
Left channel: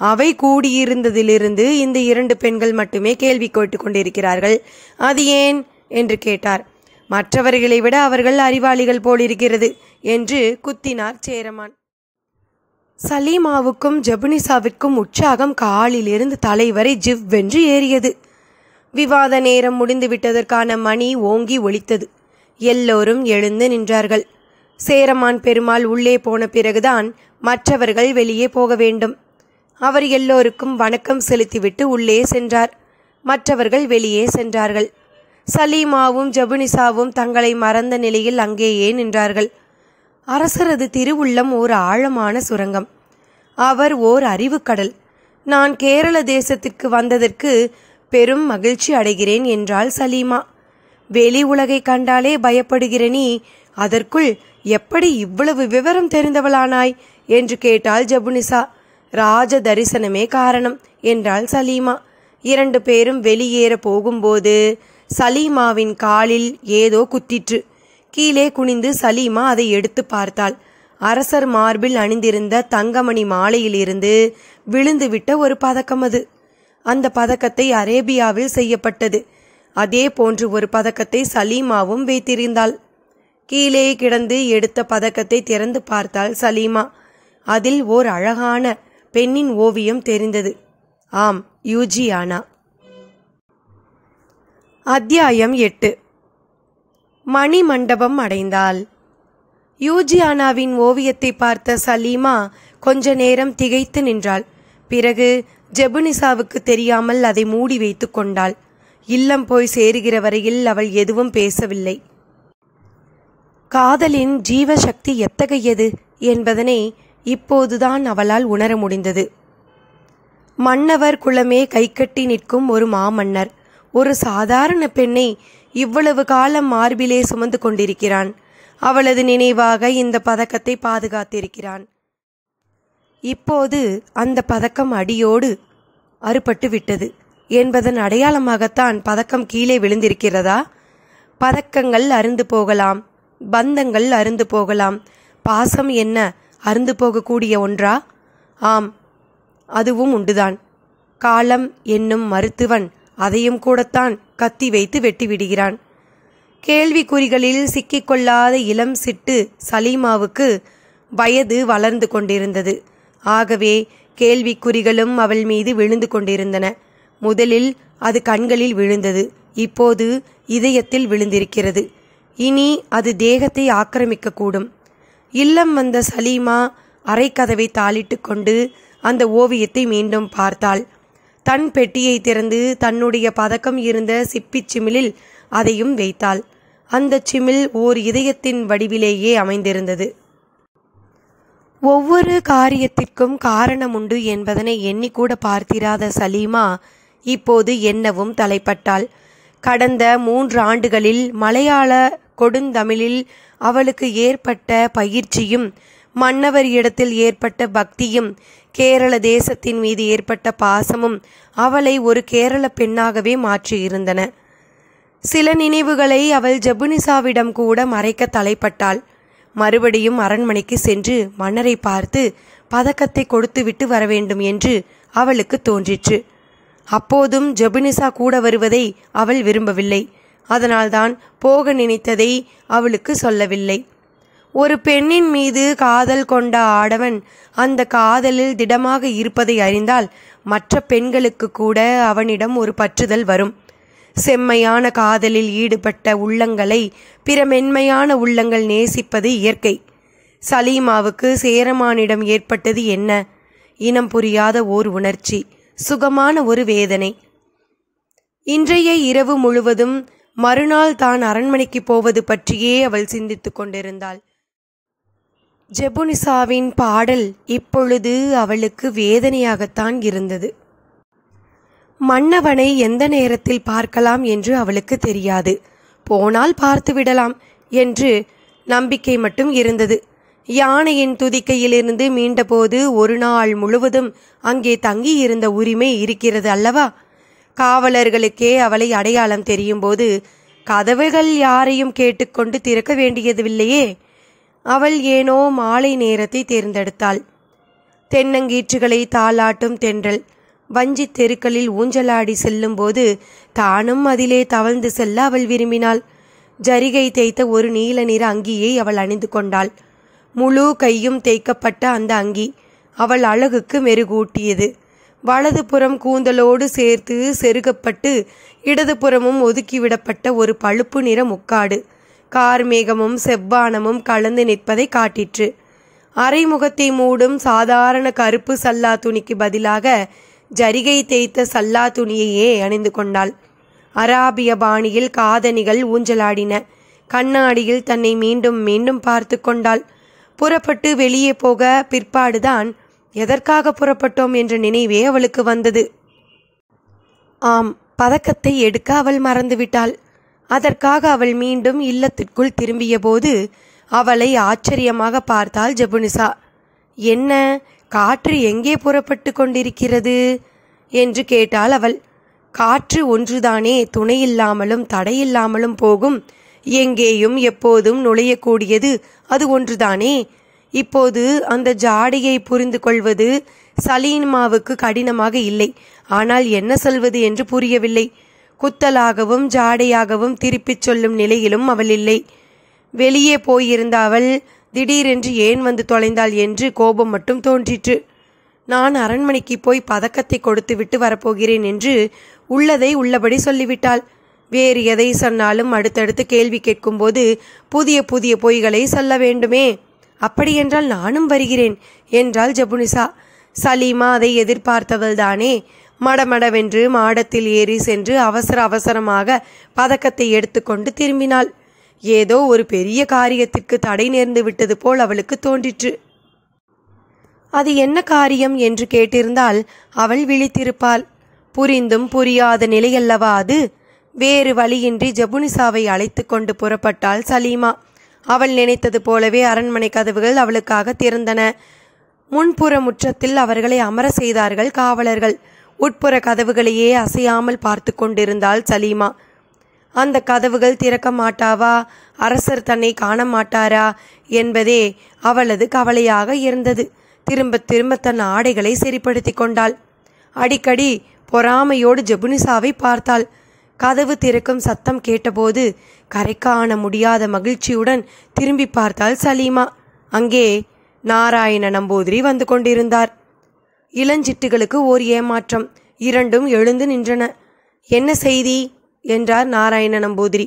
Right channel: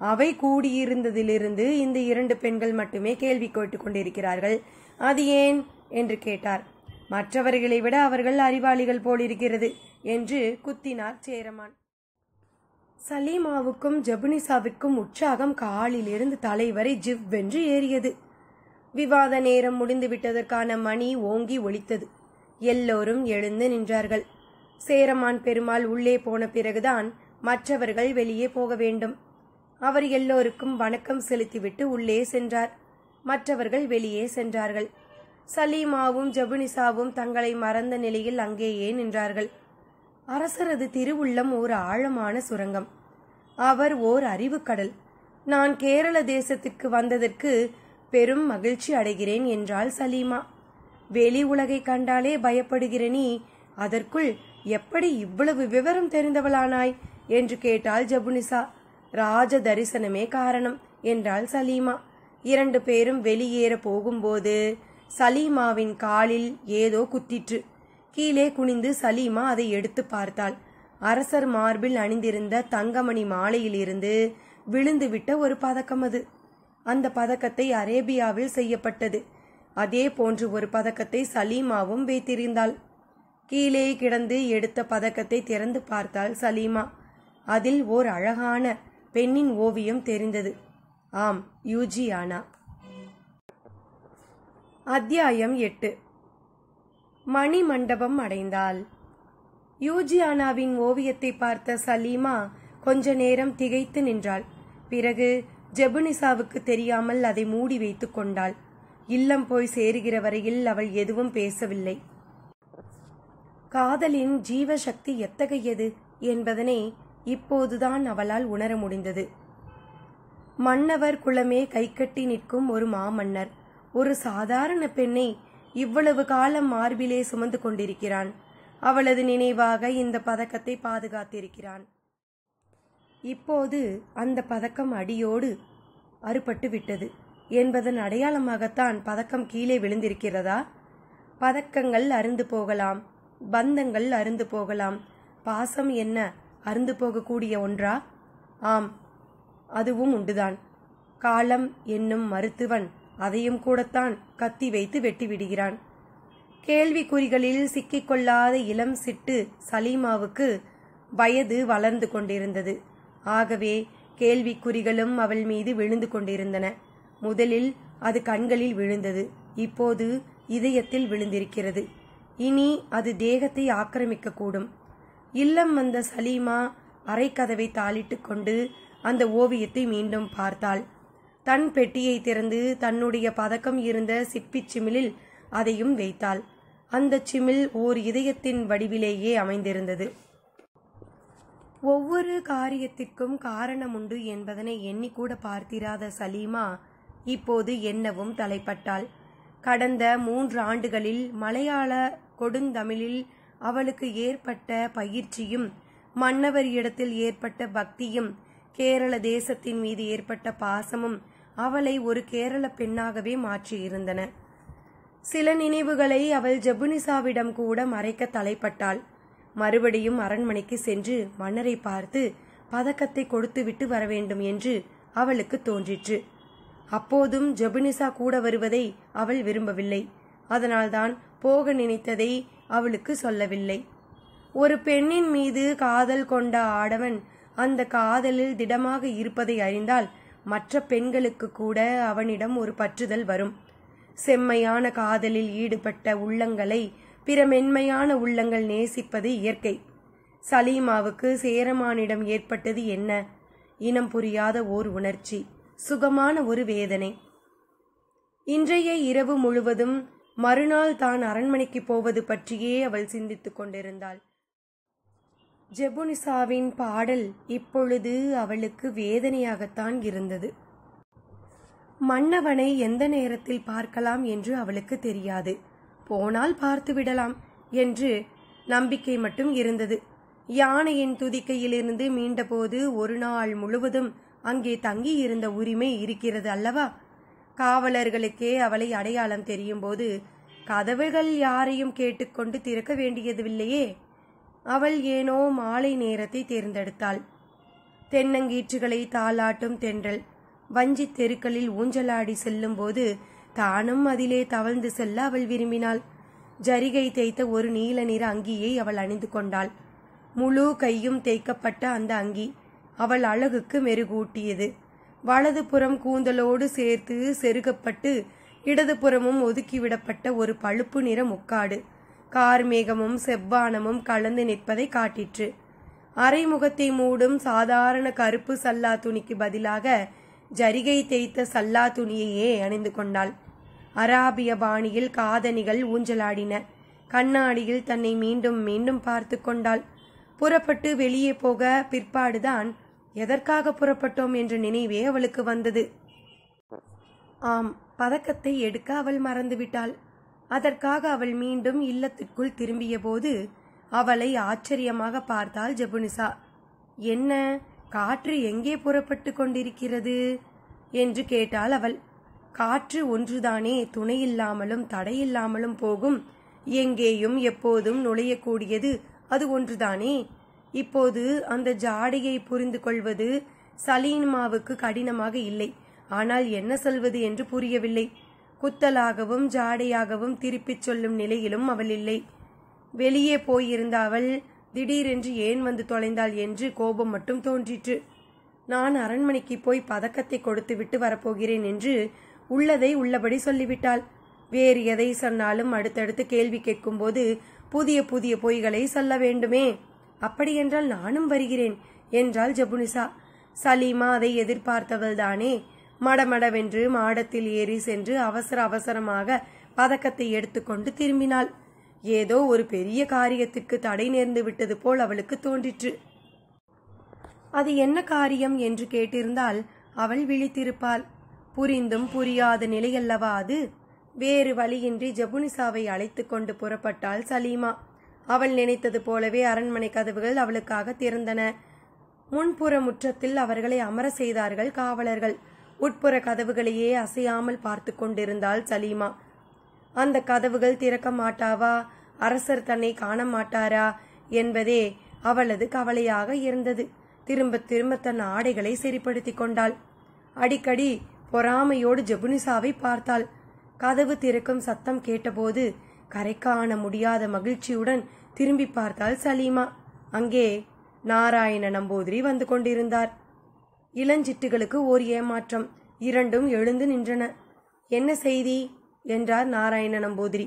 அவை கூடியிருந்ததிலிருந்து இந்த 2 பெண்கள் மட்டுமே கேள்வி கேட்டுக் கொண்டிருக்கிறார்கள், அது ஏன் என்று கேட்டார். மற்றவர்களை விட அவர்கள் அறிவாளிகள் போலிருக்கிறது என்று குத்தினார் சேரமான். சலீமாவுக்கும் ஜபுனிசாவிற்கும் உற்சாகம் காலிலிருந்து தலைவரை ஜிவ்வென்று ஏறியது. விவாத நேரம் முடிந்துவிட்டதற்கான மணி ஓங்கி ஒலித்தது. எல்லோரும் எழுந்து நின்றார்கள். சேரமான் பெருமாள் உள்ளே போன பிறகுதான் மற்றவர்கள் வெளியே போக வேண்டும். அவர் எல்லோருக்கும் வணக்கம் செலுத்திவிட்டு உள்ளே சென்றார். மற்றவர்கள் வெளியே சென்றார்கள். சலீமாவும் ஜபுனிசாவும் தங்களை மறந்த நிலையில் அங்கேயே நின்றார்கள். அரசரது திருவுள்ளம் ஓர் ஆழமான சுரங்கம். அவர் ஓர் அறிவுக்கடல். நான் கேரள தேசத்திற்கு வந்ததற்கு பெரும் மகிழ்ச்சி அடைகிறேன் என்றாள் சலீமா. வெளி உலகை கண்டாலே பயப்படுகிற நீ அதற்குள் எப்படி இவ்வளவு விவரம் தெரிந்தவளானாய் என்று கேட்டாள் ஜபுனிசா. ராஜ தரிசனமே காரணம் என்றாள் சலீமா. 2 பேரும் வெளியேற போகும்போது சலீமாவின் காலில் ஏதோ குத்திற்று. கீழே குனிந்து சலீமா அதை எடுத்து பார்த்தாள். அரசர் மார்பில் அணிந்திருந்த தங்கமணி மாலையிலிருந்து விழுந்துவிட்ட ஒரு பதக்கம் அது. அந்த பதக்கத்தை அரேபியாவில் செய்யப்பட்டது. அதே போன்று ஒரு பதக்கத்தை சலீமாவும் வைத்திருந்தாள். கீழே கிடந்து எடுத்த பதக்கத்தை திறந்து பார்த்தாள் சலீமா. அதில் ஓர் அழகான பெண்ணின் ஓவியம் தெரிந்தது. ஆம், யூஜியானா. அத்தியாயம் 8. மணி மண்டபம் அடைந்தாள். யூஜியானாவின் ஓவியத்தை பார்த்த சலீமா கொஞ்ச நேரம் திகைத்து நின்றாள். பிறகு ஜபுனிசாவுக்கு தெரியாமல் அதை மூடி வைத்து கொண்டாள். இல்லம் போய் சேருகிற வரையில் அவள் எதுவும் பேசவில்லை. காதலின் ஜீவசக்தி எத்தகையது என்பதனை இப்போதுதான் அவளால் உணர முடிந்தது. மன்னவர் குலமே கைகட்டி நிற்கும் ஒரு மாமன்னர் ஒரு சாதாரண பெண்ணை இவ்வளவு காலம் மார்பிலே சுமந்து கொண்டிருக்கிறான். அவளது நினைவாக இந்த பதக்கத்தை பாதுகாத்திருக்கிறான். இப்போது அந்த பதக்கம் அடியோடு அறுபட்டு விட்டது என்பதன் அடையாளமாகத்தான் பதக்கம் கீழே விழுந்திருக்கிறதா? பதக்கங்கள் அருந்து போகலாம், பந்தங்கள் அருந்து போகலாம், பாசம் என்ன அருந்து போகக்கூடிய ஒன்றா? ஆம், அதுவும் உண்டுதான். காலம் என்னும் மருத்துவன் அதையும் கூடத்தான் கத்தி வைத்து வெட்டிவிடுகிறான். கேள்விக்குறிகளில் சிக்கிக்கொள்ளாத இளம் சிட்டு சலீமாவுக்கு வயது வளர்ந்து கொண்டிருந்தது. ஆகவே கேள்விக்குறிகளும் அவள் மீது விழுந்து கொண்டிருந்தன. முதலில் அது கண்களில் விழுந்தது, இப்போது இதயத்தில் விழுந்திருக்கிறது. இனி அது தேகத்தை ஆக்கிரமிக்கக்கூடும். இல்லம் வந்த சலீமா அரைக்கதவை தாளிட்டு கொண்டு அந்த ஓவியத்தை மீண்டும் பார்த்தாள். தன் பெட்டியை திறந்து தன்னுடைய பதக்கம் இருந்த சிப்பிச் சிமிழில் அதையும் வைத்தாள். அந்த சிமிழ் ஓர் இதயத்தின் வடிவிலேயே அமைந்திருந்தது. ஒவ்வொரு காரியத்திற்கும் காரணம் உண்டு என்பதனை எண்ணிக்கூட பார்த்திராத சலீமா இப்போது எண்ணவும் தலைப்பட்டாள். கடந்த 3 ஆண்டுகளில் மலையாள கொடுந்தமிழில் அவளுக்கு ஏற்பட்ட பயிற்சியும் மன்னவர் இடத்தில் ஏற்பட்ட பக்தியும் கேரள தேசத்தின் மீது ஏற்பட்ட பாசமும் அவளை ஒரு கேரள பெண்ணாகவே மாற்றியிருந்தன. சில நினைவுகளை அவள் ஜபுனிசாவிடம் கூட மறைக்க தலைப்பட்டாள். மறுபடியும் அரண்மனைக்கு சென்று மன்னரை பார்த்து பதக்கத்தை கொடுத்துவிட்டு வர வேண்டும் என்று அவளுக்கு தோன்றிற்று. அப்போதும் ஜபுனிசா கூட வருவதை அவள் விரும்பவில்லை. அதனால்தான் போக நினைத்ததை அவளுக்கு சொல்லவில்லை. ஒரு பெண்ணின் மீது காதல் கொண்ட ஆடவன் அந்த காதலில் திடமாக இருப்பதை அறிந்தால் மற்ற பெண்களுக்கு கூட அவனிடம் ஒரு பற்றுதல் வரும். செம்மையான காதலில் ஈடுபட்ட உள்ளங்களை பிற மென்மையான உள்ளங்கள் நேசிப்பது இயற்கை. சலீமாவுக்கு சேரமானிடம் ஏற்பட்டது என்ன? இனம் புரியாத ஓர் உணர்ச்சி, சுகமான ஒரு வேதனை. இன்றைய இரவு முழுவதும் மறுநாள் தான் அரண்மனைக்கு போவது பற்றியே அவள் சிந்தித்து கொண்டிருந்தாள். ஜெபுனிசாவின் பாடல் இப்பொழுது அவளுக்கு வேதனையாகத்தான் இருந்தது. மன்னவனை எந்த நேரத்தில் பார்க்கலாம் என்று அவளுக்கு தெரியாது. போனால் பார்த்து விடலாம் என்று நம்பிக்கை மட்டும் இருந்தது. யானையின் துதிக்கையிலிருந்து மீண்டபோது ஒரு நாள் முழுவதும் அங்கே தங்கியிருந்த உரிமை இருக்கிறது அல்லவா? காவலர்களுக்கே அவளை அடையாளம் தெரியும் போது கதவுகள் யாரையும் கேட்டுக்கொண்டு திறக்க வேண்டியதில்லையே. அவள் ஏனோ மாலை நேரத்தை தேர்ந்தெடுத்தாள். தென்னங்கீற்றுகளை தாளாட்டும் தென்றல் வஞ்சி தெருக்களில் ஊஞ்சலாடி செல்லும்போது தானும் அதிலே தவழ்ந்து செல்ல அவள் விரும்பினாள். ஜரிகை தேய்த்த ஒரு நீல நிற அங்கியை அவள் அணிந்து கொண்டாள். முழு கையும் தேய்க்கப்பட்ட அந்த அங்கி அவள் அழகுக்கு மெருகூட்டியது. வலதுபுறம் கூந்தலோடு சேர்த்து செருகப்பட்டு இடதுபுறமும் ஒதுக்கிவிடப்பட்ட ஒரு பழுப்பு நிற முக்காடு கார்மேகமும் செவ்வானமும் கலந்து நிற்பதை காட்டிற்று. அரைமுகத்தை மூடும் சாதாரண கருப்பு சல்லா துணிக்கு பதிலாக ஜரிகை தேய்த்த சல்லா துணியையே அணிந்து கொண்டாள். அராபிய பாணியில் காதணிகள் ஊஞ்சலாடின. கண்ணாடியில் தன்னை மீண்டும் மீண்டும் பார்த்து கொண்டாள். புறப்பட்டு வெளியே போக பிற்பாடுதான் எதற்காக புறப்பட்டோம் என்ற நினைவே அவளுக்கு வந்தது. ஆம், பதக்கத்தை எடுக்க அவள் மறந்துவிட்டாள். அதற்காக அவள் மீண்டும் இல்லத்திற்குள் திரும்பிய போது அவளை ஆச்சரியமாக பார்த்தாள் ஜெபுனிசா. என்ன, காற்று எங்கே புறப்பட்டு கொண்டிருக்கிறது என்று கேட்டாள் அவள். காற்று ஒன்றுதானே துணையில்லாமலும் தடையில்லாமலும் போகும். எங்கேயும் எப்போதும் நுழையக்கூடியது அது ஒன்றுதானே. இப்போது அந்த ஜாடையை புரிந்து கொள்வது சலீமாவுக்கு கடினமாக இல்லை. ஆனால் என்ன சொல்வது என்று புரியவில்லை. குத்தலாகவும் ஜாடையாகவும் திருப்பிச் சொல்லும் நிலையிலும் அவள் இல்லை. வெளியே போயிருந்த அவள் திடீரென்று ஏன் வந்து தொலைந்தாள் என்று கோபம் மட்டும் தோன்றிற்று. நான் அரண்மனைக்கு போய் பதக்கத்தை கொடுத்து விட்டு வரப்போகிறேன் என்று உள்ளதை உள்ளபடி சொல்லிவிட்டாள். வேறு எதை சொன்னாலும் அடுத்தடுத்து கேள்வி கேட்கும்போது புதிய புதிய பொய்களை சொல்ல வேண்டுமே. அப்படியென்றால் நானும் வருகிறேன் என்றாள் ஜெபுனிசா. சலீமா அதை எதிர்பார்த்தவள்தானே. மடமடவென்று மாடத்தில் ஏறி சென்று அவசர அவசரமாக பதக்கத்தை எடுத்துக்கொண்டு திரும்பினாள். ஏதோ ஒரு பெரிய காரியத்திற்கு தடை நேர்ந்து விட்டது போல் அவளுக்கு தோன்றிற்று. அது என்ன காரியம் என்று கேட்டிருந்தால் அவள் விழித்திருப்பாள். புரிந்தும் புரியாத நிலையல்லவா அது. வேறு வழியின்றி ஜெபுனிசாவை அழைத்து கொண்டு புறப்பட்டாள் சலீமா. அவள் நினைத்தது போலவே அரண்மனை கதவுகள் அவளுக்காக திறந்தன. முன்புற முற்றத்தில் அவர்களை அமர செய்தார்கள் காவலர்கள். உட்புற கதவுகளையே அசையாமல் பார்த்து கொண்டிருந்தாள் சலீமா. அந்த கதவுகள் திறக்க மாட்டாவா, அரசர் தன்னை காண மாட்டாரா என்பதே அவளது கவலையாக இருந்தது. திரும்ப திரும்ப தன் ஆடைகளை சரிப்படுத்தி கொண்டாள். அடிக்கடி பொறாமையோடு ஜெபுனிசாவை பார்த்தாள். கதவு திறக்கும் சத்தம் கேட்டபோது கரை காண முடியாத மகிழ்ச்சியுடன் திரும்பி பார்த்தாள் சலீமா. அங்கே நாராயண நம்பூதிரி வந்து கொண்டிருந்தார். இளஞ்சிட்டுகளுக்கு ஓர் ஏமாற்றம். இரண்டும் எழுந்து நின்றன. என்ன செய்தி என்றார் நாராயண நம்பூதிரி.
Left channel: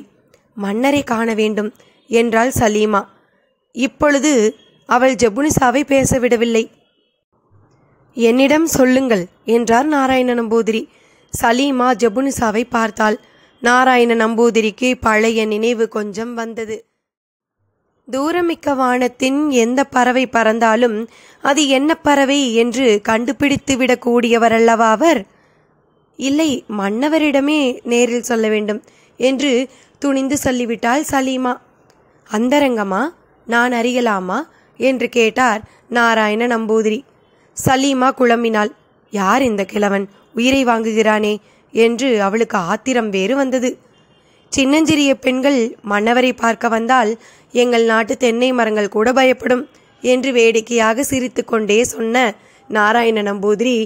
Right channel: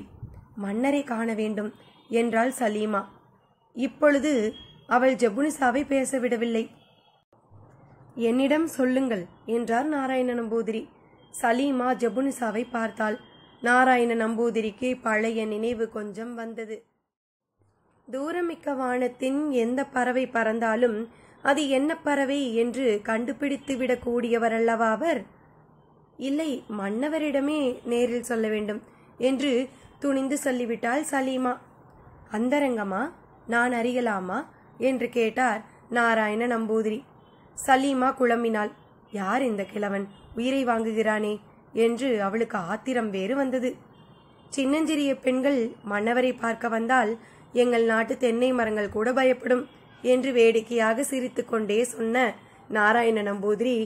மன்னரை காண வேண்டும் என்றாள் சலீமா. இப்பொழுது அவள் ஜெபுனிசாவை பேசவிடவில்லை. என்னிடம் சொல்லுங்கள் என்றார் நாராயண நம்பூதிரி. சலீமா ஜெபுனிசாவை பார்த்தாள். நாராயண நம்பூதிரிக்கு பழைய நினைவு கொஞ்சம் வந்தது. தூரமிக்க வானத்தின் எந்த பறவை பறந்தாலும் அது என்ன பறவை என்று கண்டுபிடித்து விடக்கூடியவரல்லவா அவர். இல்லை, மன்னவரிடமே நேரில் சொல்ல வேண்டும் என்று துணிந்து சொல்லிவிட்டாள் சலீமா. அந்தரங்கமா? நான் அறியலாமா என்று கேட்டார் நாராயண நம்பூதிரி. சலீமா குழம்பினாள். யார் இந்த கிழவன், உயிரை வாங்குகிறானே என்று அவளுக்கு ஆத்திரம் வேறு வந்தது. சின்னஞ்சிறிய பெண்கள் மன்னவரை பார்க்க வந்தால் எங்கள் நாட்டு தென்னை மரங்கள் கூட பயப்படும் என்று வேடிக்கையாக சிரித்து கொண்டே சொன்ன நாராயண நம்பூதிரி,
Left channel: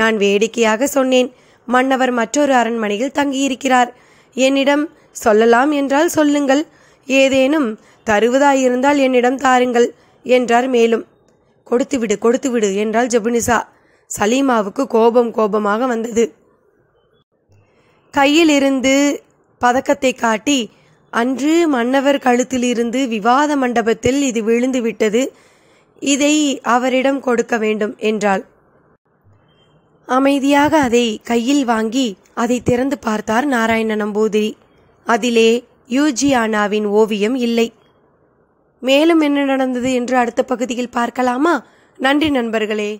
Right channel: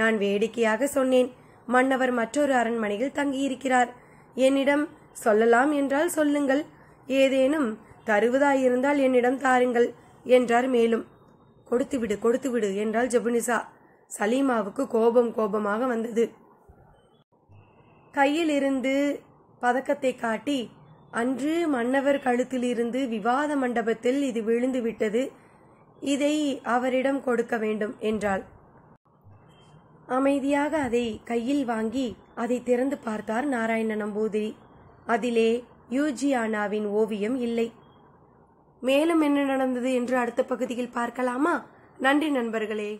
நான் வேடிக்கையாக சொன்னேன். மன்னவர் மற்றொரு அரண்மனையில் தங்கியிருக்கிறார். என்னிடம் சொல்லலாம் என்றால் சொல்லுங்கள், ஏதேனும் தருவதாயிருந்தால் என்னிடம் தாருங்கள் என்றார். மேலும் கொடுத்துவிடு கொடுத்துவிடு என்றாள் ஜெபுனிசா. சலீமாவுக்கு கோபமாக வந்தது. கையில் இருந்து பதக்கத்தை காட்டி, அன்று மன்னவர் கழுத்திலிருந்து விவாத மண்டபத்தில் இது விழுந்து விட்டது, இதை அவரிடம் கொடுக்க வேண்டும் என்றாள். அமைதியாக அதை கையில் வாங்கி அதை திறந்து பார்த்தார் நாராயண நம்பூதிரி. அதிலே யூஜியானாவின் ஓவியம் இல்லை. மேலும் என்ன நடந்தது என்று அடுத்த பகுதியில் பார்க்கலாமா? நன்றி நண்பர்களே.